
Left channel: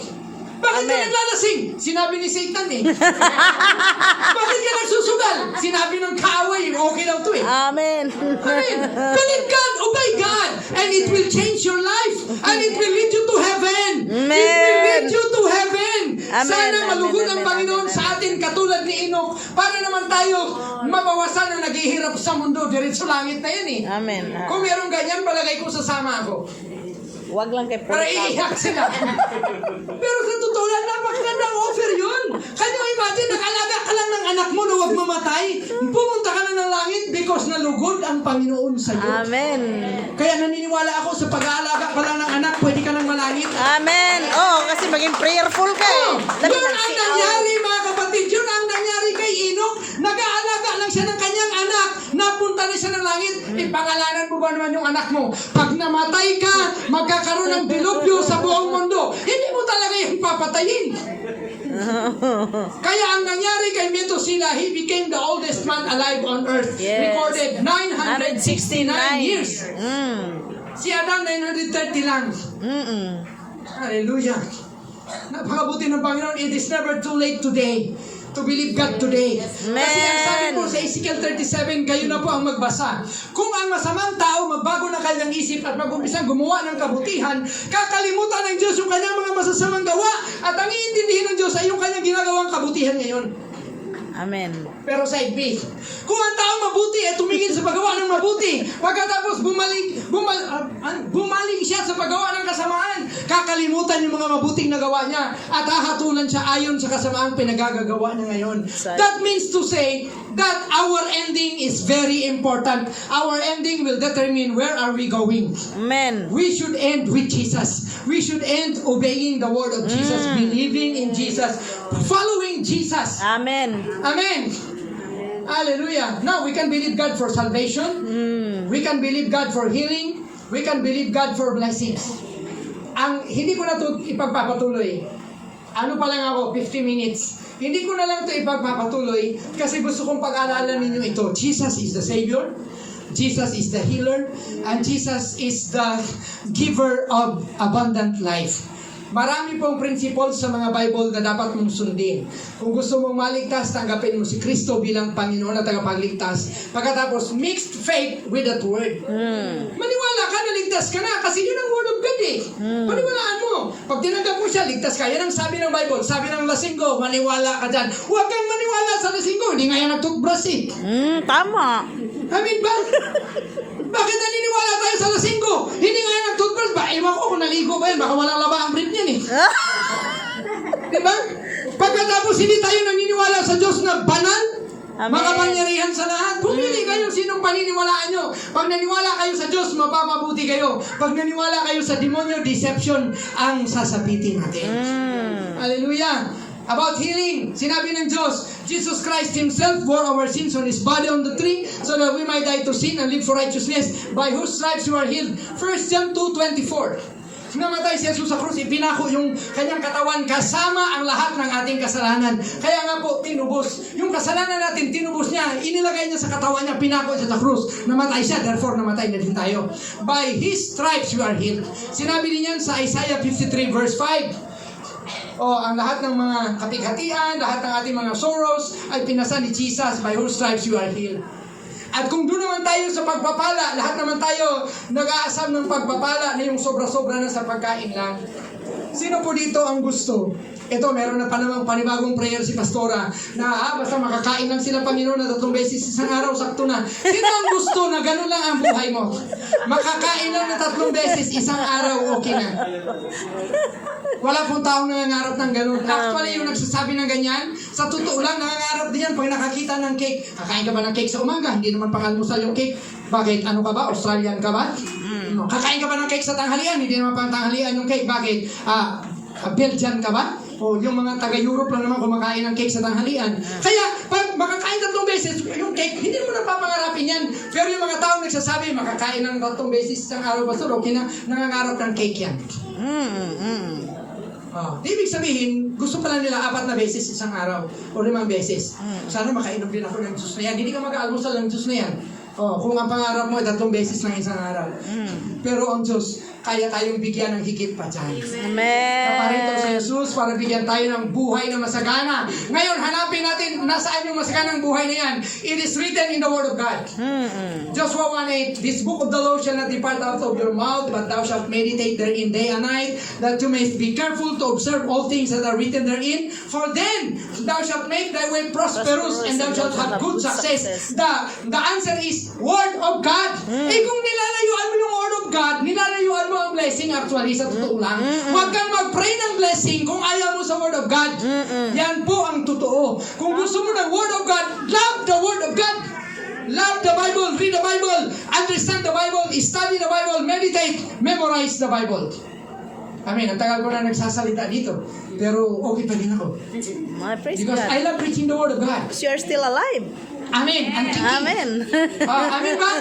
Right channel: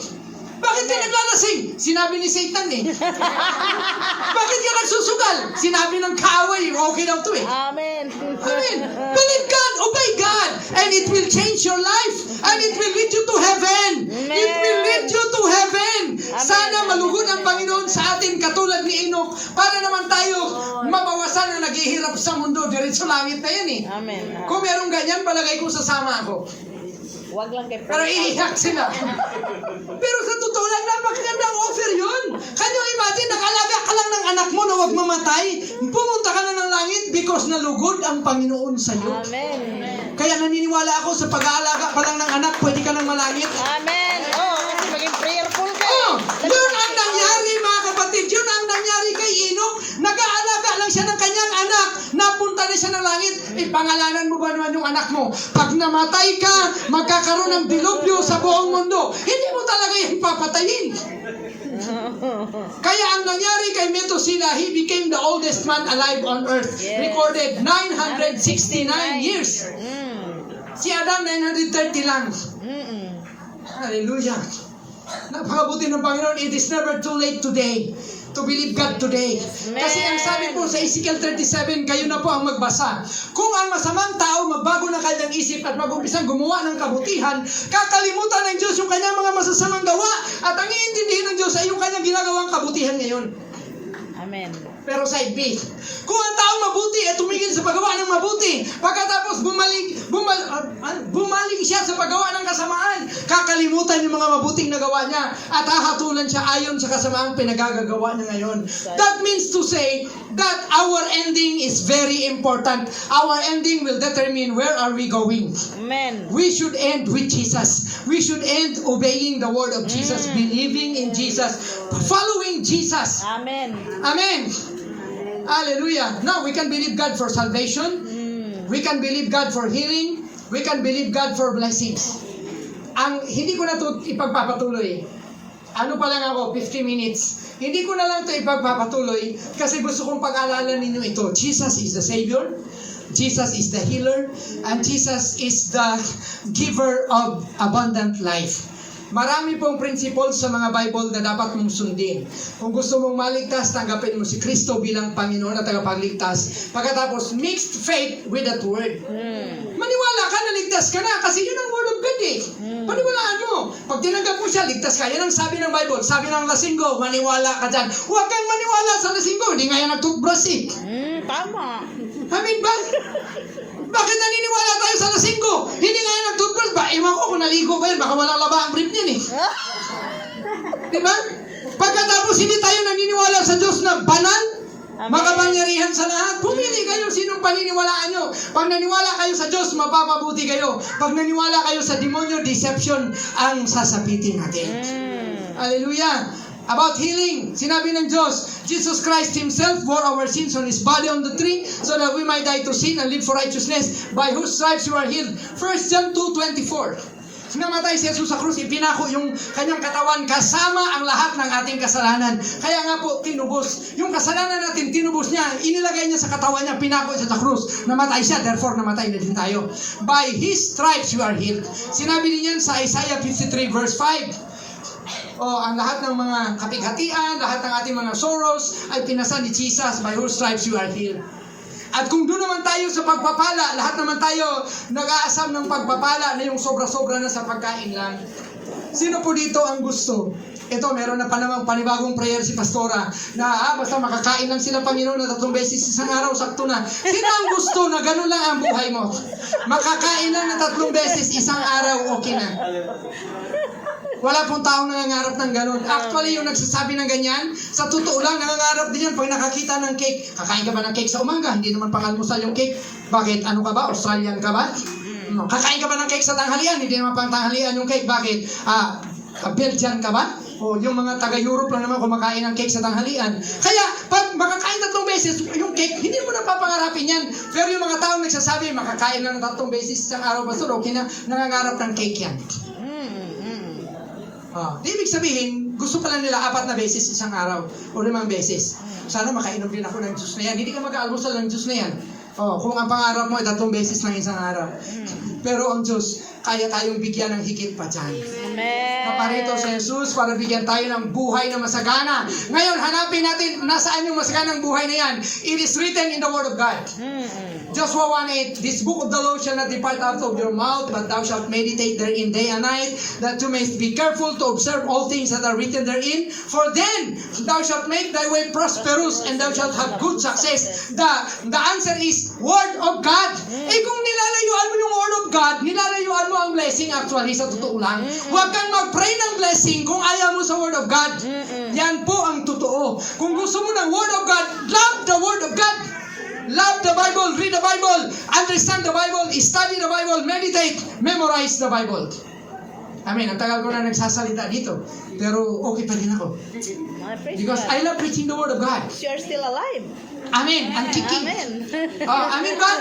Bakit ka naglalasing? Sinabi ni Satan eh. Bakit ka nagsusugal? Sinabi ng kaaway, okay daw to eh. Amen. Amen. Believe God, obey God, and it will change your life, and it will lead you to heaven. Amen. It will lead you to heaven. Amen. Sana malugod ang Panginoon sa atin katulad ni Enoch para naman tayo mabawasan ang naghihirap sa mundo. Diretso langit na yan eh. Amen. Kung merong ganyan, palagay ko sasama ako. Huwag lang kay Para iiyak sila. Pero sa totoo lang, napakagandang offer yun. Kanya imagine, nag-alaga ka lang ng anak mo na huwag mamatay. Pumunta ka na ng langit because nalugod ang Panginoon sa iyo. Amen. Kaya naniniwala ako sa pag-aalaga ka lang ng anak, pwede ka nang malangit. Amen. Oh, kasi maging prayerful ka. Oh, yun ang nangyari mga kapatid. Yun ang nangyari kay Enoch. Nag-aalaga lang siya ng kanyang anak. Napunta na siya ng langit. Ipangalanan mo ba naman yung anak mo? Pag namatay ka, magkakaroon ng dilubyo sa buong mundo. Hindi mo talaga yung papatayin. Kaya ang nangyari kay Methuselah, he became the oldest man alive on earth. Yes. Recorded 969 years. Si Adam 930 lang. Hallelujah. Napakabuti ng Panginoon. It is never too late today to believe God today. Kasi ang sabi po sa Ezekiel 37, kayo na po ang magbasa. Kung ang masamang tao magbago na kanyang isip at mag-umpisang gumawa ng kabutihan, kakalimutan ng Diyos yung kanyang mga masasamang gawa at ang iintindihin ng Diyos ay yung kanyang ginagawang kabutihan ngayon. Amen. Pero side B, kung ang taong mabuti ay tumigil sa paggawa ng mabuti, pagkatapos bumalik siya sa paggawa ng kasamaan, kakalimutan yung mga mabuting nagawa niya at hahatulan siya ayon sa kasamaang pinagagagawa niya ngayon. That means to say that our ending is very important. Our ending will determine where are we going. Amen. We should end with Jesus. We should end obeying the word of Jesus, believing in Jesus, following Jesus. Amen. Amen. Hallelujah. Now, we can believe God for salvation. We can believe God for healing. We can believe God for blessings. Ang hindi ko na ito ipagpapatuloy. Ano pa lang ako, 50 minutes. Hindi ko na lang ito ipagpapatuloy kasi gusto kong pag-alalan ninyo ito. Jesus is the Savior. Jesus is the healer. And Jesus is the giver of abundant life. Marami pong principle sa mga Bible na dapat mong sundin. Kung gusto mong maligtas, tanggapin mo si Kristo bilang Panginoon at tagapagligtas. Pagkatapos, mixed faith with that word. Maniwala ka na ligtas ka na kasi yun ang word of God eh. Paniwalaan mo. Pag tinanggap mo siya, ligtas ka. Yan ang sabi ng Bible. Sabi ng lasinggo, maniwala ka dyan. Huwag kang maniwala sa lasinggo. Hindi nga yan nag-toothbrush eh. Tama. Amin ba? Bakit naniniwala tayo sa lasinggo? Hindi nga yan nag-toothbrush ba? Ewan ko kung naligo ba yan. Baka walang laba ang brief niyan eh. Diba? Pagkatapos hindi tayo naniniwala sa Diyos na banal, makapangyarihan sa lahat. Pumili kayo sinong paniniwalaan nyo. Pag naniwala kayo sa Diyos, mapapabuti kayo. Pag naniwala kayo sa demonyo, deception ang sasapitin natin. Hallelujah. About healing, sinabi ng Diyos, Jesus Christ Himself bore our sins on His body on the tree so that we might die to sin and live for righteousness, by whose stripes you are healed. 1 John 2:24. Namatay si Jesus sa krus, ipinako yung kanyang katawan kasama ang lahat ng ating kasalanan. Kaya nga po, tinubos. Yung kasalanan natin, tinubos niya, inilagay niya sa katawan niya, pinako siya sa krus. Namatay siya, therefore namatay na din tayo. By His stripes you are healed. Sinabi din yan sa Isaiah 53 verse 5. Ang lahat ng mga kapighatian, lahat ng ating mga sorrows ay pinasa ni Jesus, by whose stripes you are healed. At kung doon naman tayo sa pagpapala, lahat naman tayo nag-aasam ng pagpapala na yung sobra-sobra na sa pagkain lang. Sino po dito ang gusto? Ito, meron na pa namang panibagong prayer si Pastora na basta makakain lang sila Panginoon na 3 beses isang araw, sakto na. Sino ang gusto na ganun lang ang buhay mo? Makakain lang na 3 beses isang araw, okay na. Wala pong taong nangangarap ng ganun. Actually, yung nagsasabi ng ganyan, sa totoo lang, nangangarap din yan pag nakakita ng cake. Kakain ka ba ng cake sa umaga? Hindi naman pang-almusal yung cake. Bakit? Ano ka ba? Australian ka ba? Kakain ka ba ng cake sa tanghalian? Hindi naman pang tanghalian yung cake. Bakit? Belgian ka ba? O yung mga taga-Europe lang naman kumakain ng cake sa tanghalian. Kaya, pag makakain 3 beses, yung cake, hindi mo na papangarapin yan. Pero yung mga taong nagsasabi, makakain lang 3 beses isang araw, Pastor, okay na, nangangarap ng cake yan. Ibig sabihin, gusto pala nila 4 na beses isang araw o 5 beses. Sana makainom din ako ng juice na yan. Hindi ka mag-aalmusal ng juice na yan. Kung ang pangarap mo ay 3 beses lang isang araw. Pero ang Diyos, kaya tayong bigyan ng higit pa dyan. Amen. Naparito sa Jesus para bigyan tayo ng buhay na masagana. Ngayon, hanapin natin nasaan yung masaganang buhay na yan. It is written in the Word of God. Joshua 1:8, this book of the law shall not depart out of your mouth, but thou shalt meditate therein day and night, that you may be careful to observe all things that are written therein. For then thou shalt make thy way prosperous, and thou shalt have good success. The answer is Word of God. Kung nilalayuan mo yung Word of God, nilalayuan mo ang blessing actually sa totoo lang. Huwag kang mag-pray ng blessing kung ayaw mo sa Word of God. Yan po ang totoo. Kung gusto mo ng Word of God, love the Word of God. Love the Bible, read the Bible, understand the Bible, study the Bible, meditate, memorize the Bible. Amen. Ang tagal ko na nagsasalita dito. Pero okay pa din ako. Because I love preaching the Word of God. You are still alive. Amen. Ang kiki. Amen. Amen ba?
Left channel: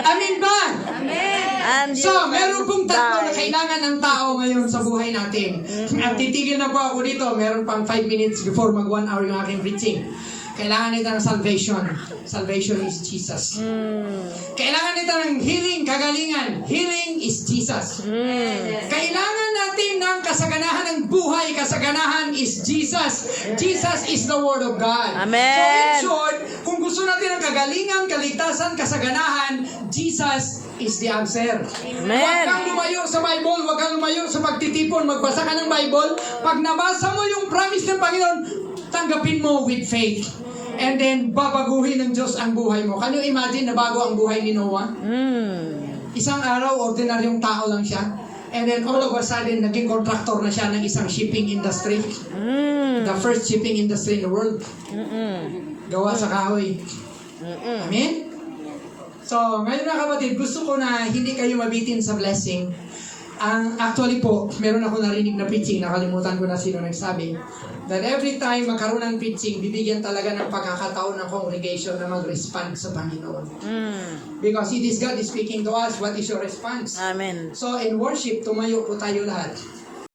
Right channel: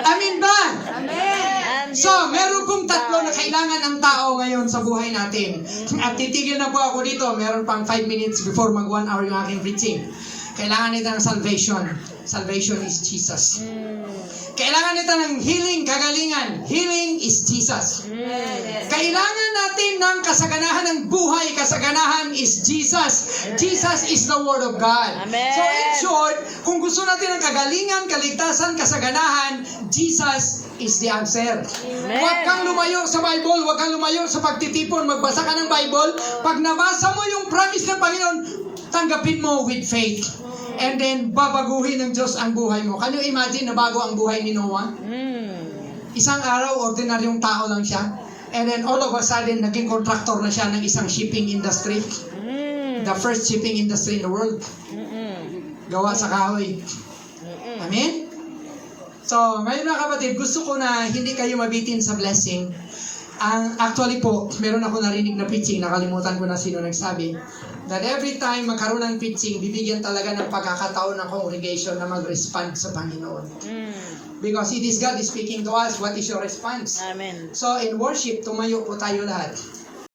Amen ba? Amen. So, meron pong 3 na kailangan kailangan ng tao ngayon sa buhay natin. At titigil na po ako dito. Meron pang 5 minutes before mag 1 hour yung aking preaching. Kailangan nito ng salvation. Salvation is Jesus. Kailangan nito ng healing, kagalingan. Healing is Jesus. Kailangan natin ng kasaganahan ng buhay. Kasaganahan is Jesus. Jesus is the Word of God. Amen. So in short, kung gusto natin ng kagalingan, kaligtasan, kasaganahan, Jesus is the answer. Amen. Huwag kang lumayo sa Bible, huwag kang lumayo sa pagtitipon, magbasa ka ng Bible. Pag nabasa mo yung promise ng Panginoon, tanggapin mo with faith. And then, babaguhin ng Diyos ang buhay mo. Can you imagine na bago ang buhay ni Noah? Isang araw, ordinaryong tao lang siya. And then, all of a sudden, naging contractor na siya ng isang shipping industry. The first shipping industry in the world. Gawa sa kahoy. Amen? So, ngayon mga kapatid, gusto ko na hindi kayo mabitin sa blessing. Actually po, meron ako narinig na preaching, nakalimutan ko na sino nagsabi, that every time magkaroon ng preaching, bibigyan talaga ng pagkakataon ng congregation na mag-respond sa Panginoon. Because it is God is speaking to us, what is your response? Amen. So in worship, tumayo po tayo lahat.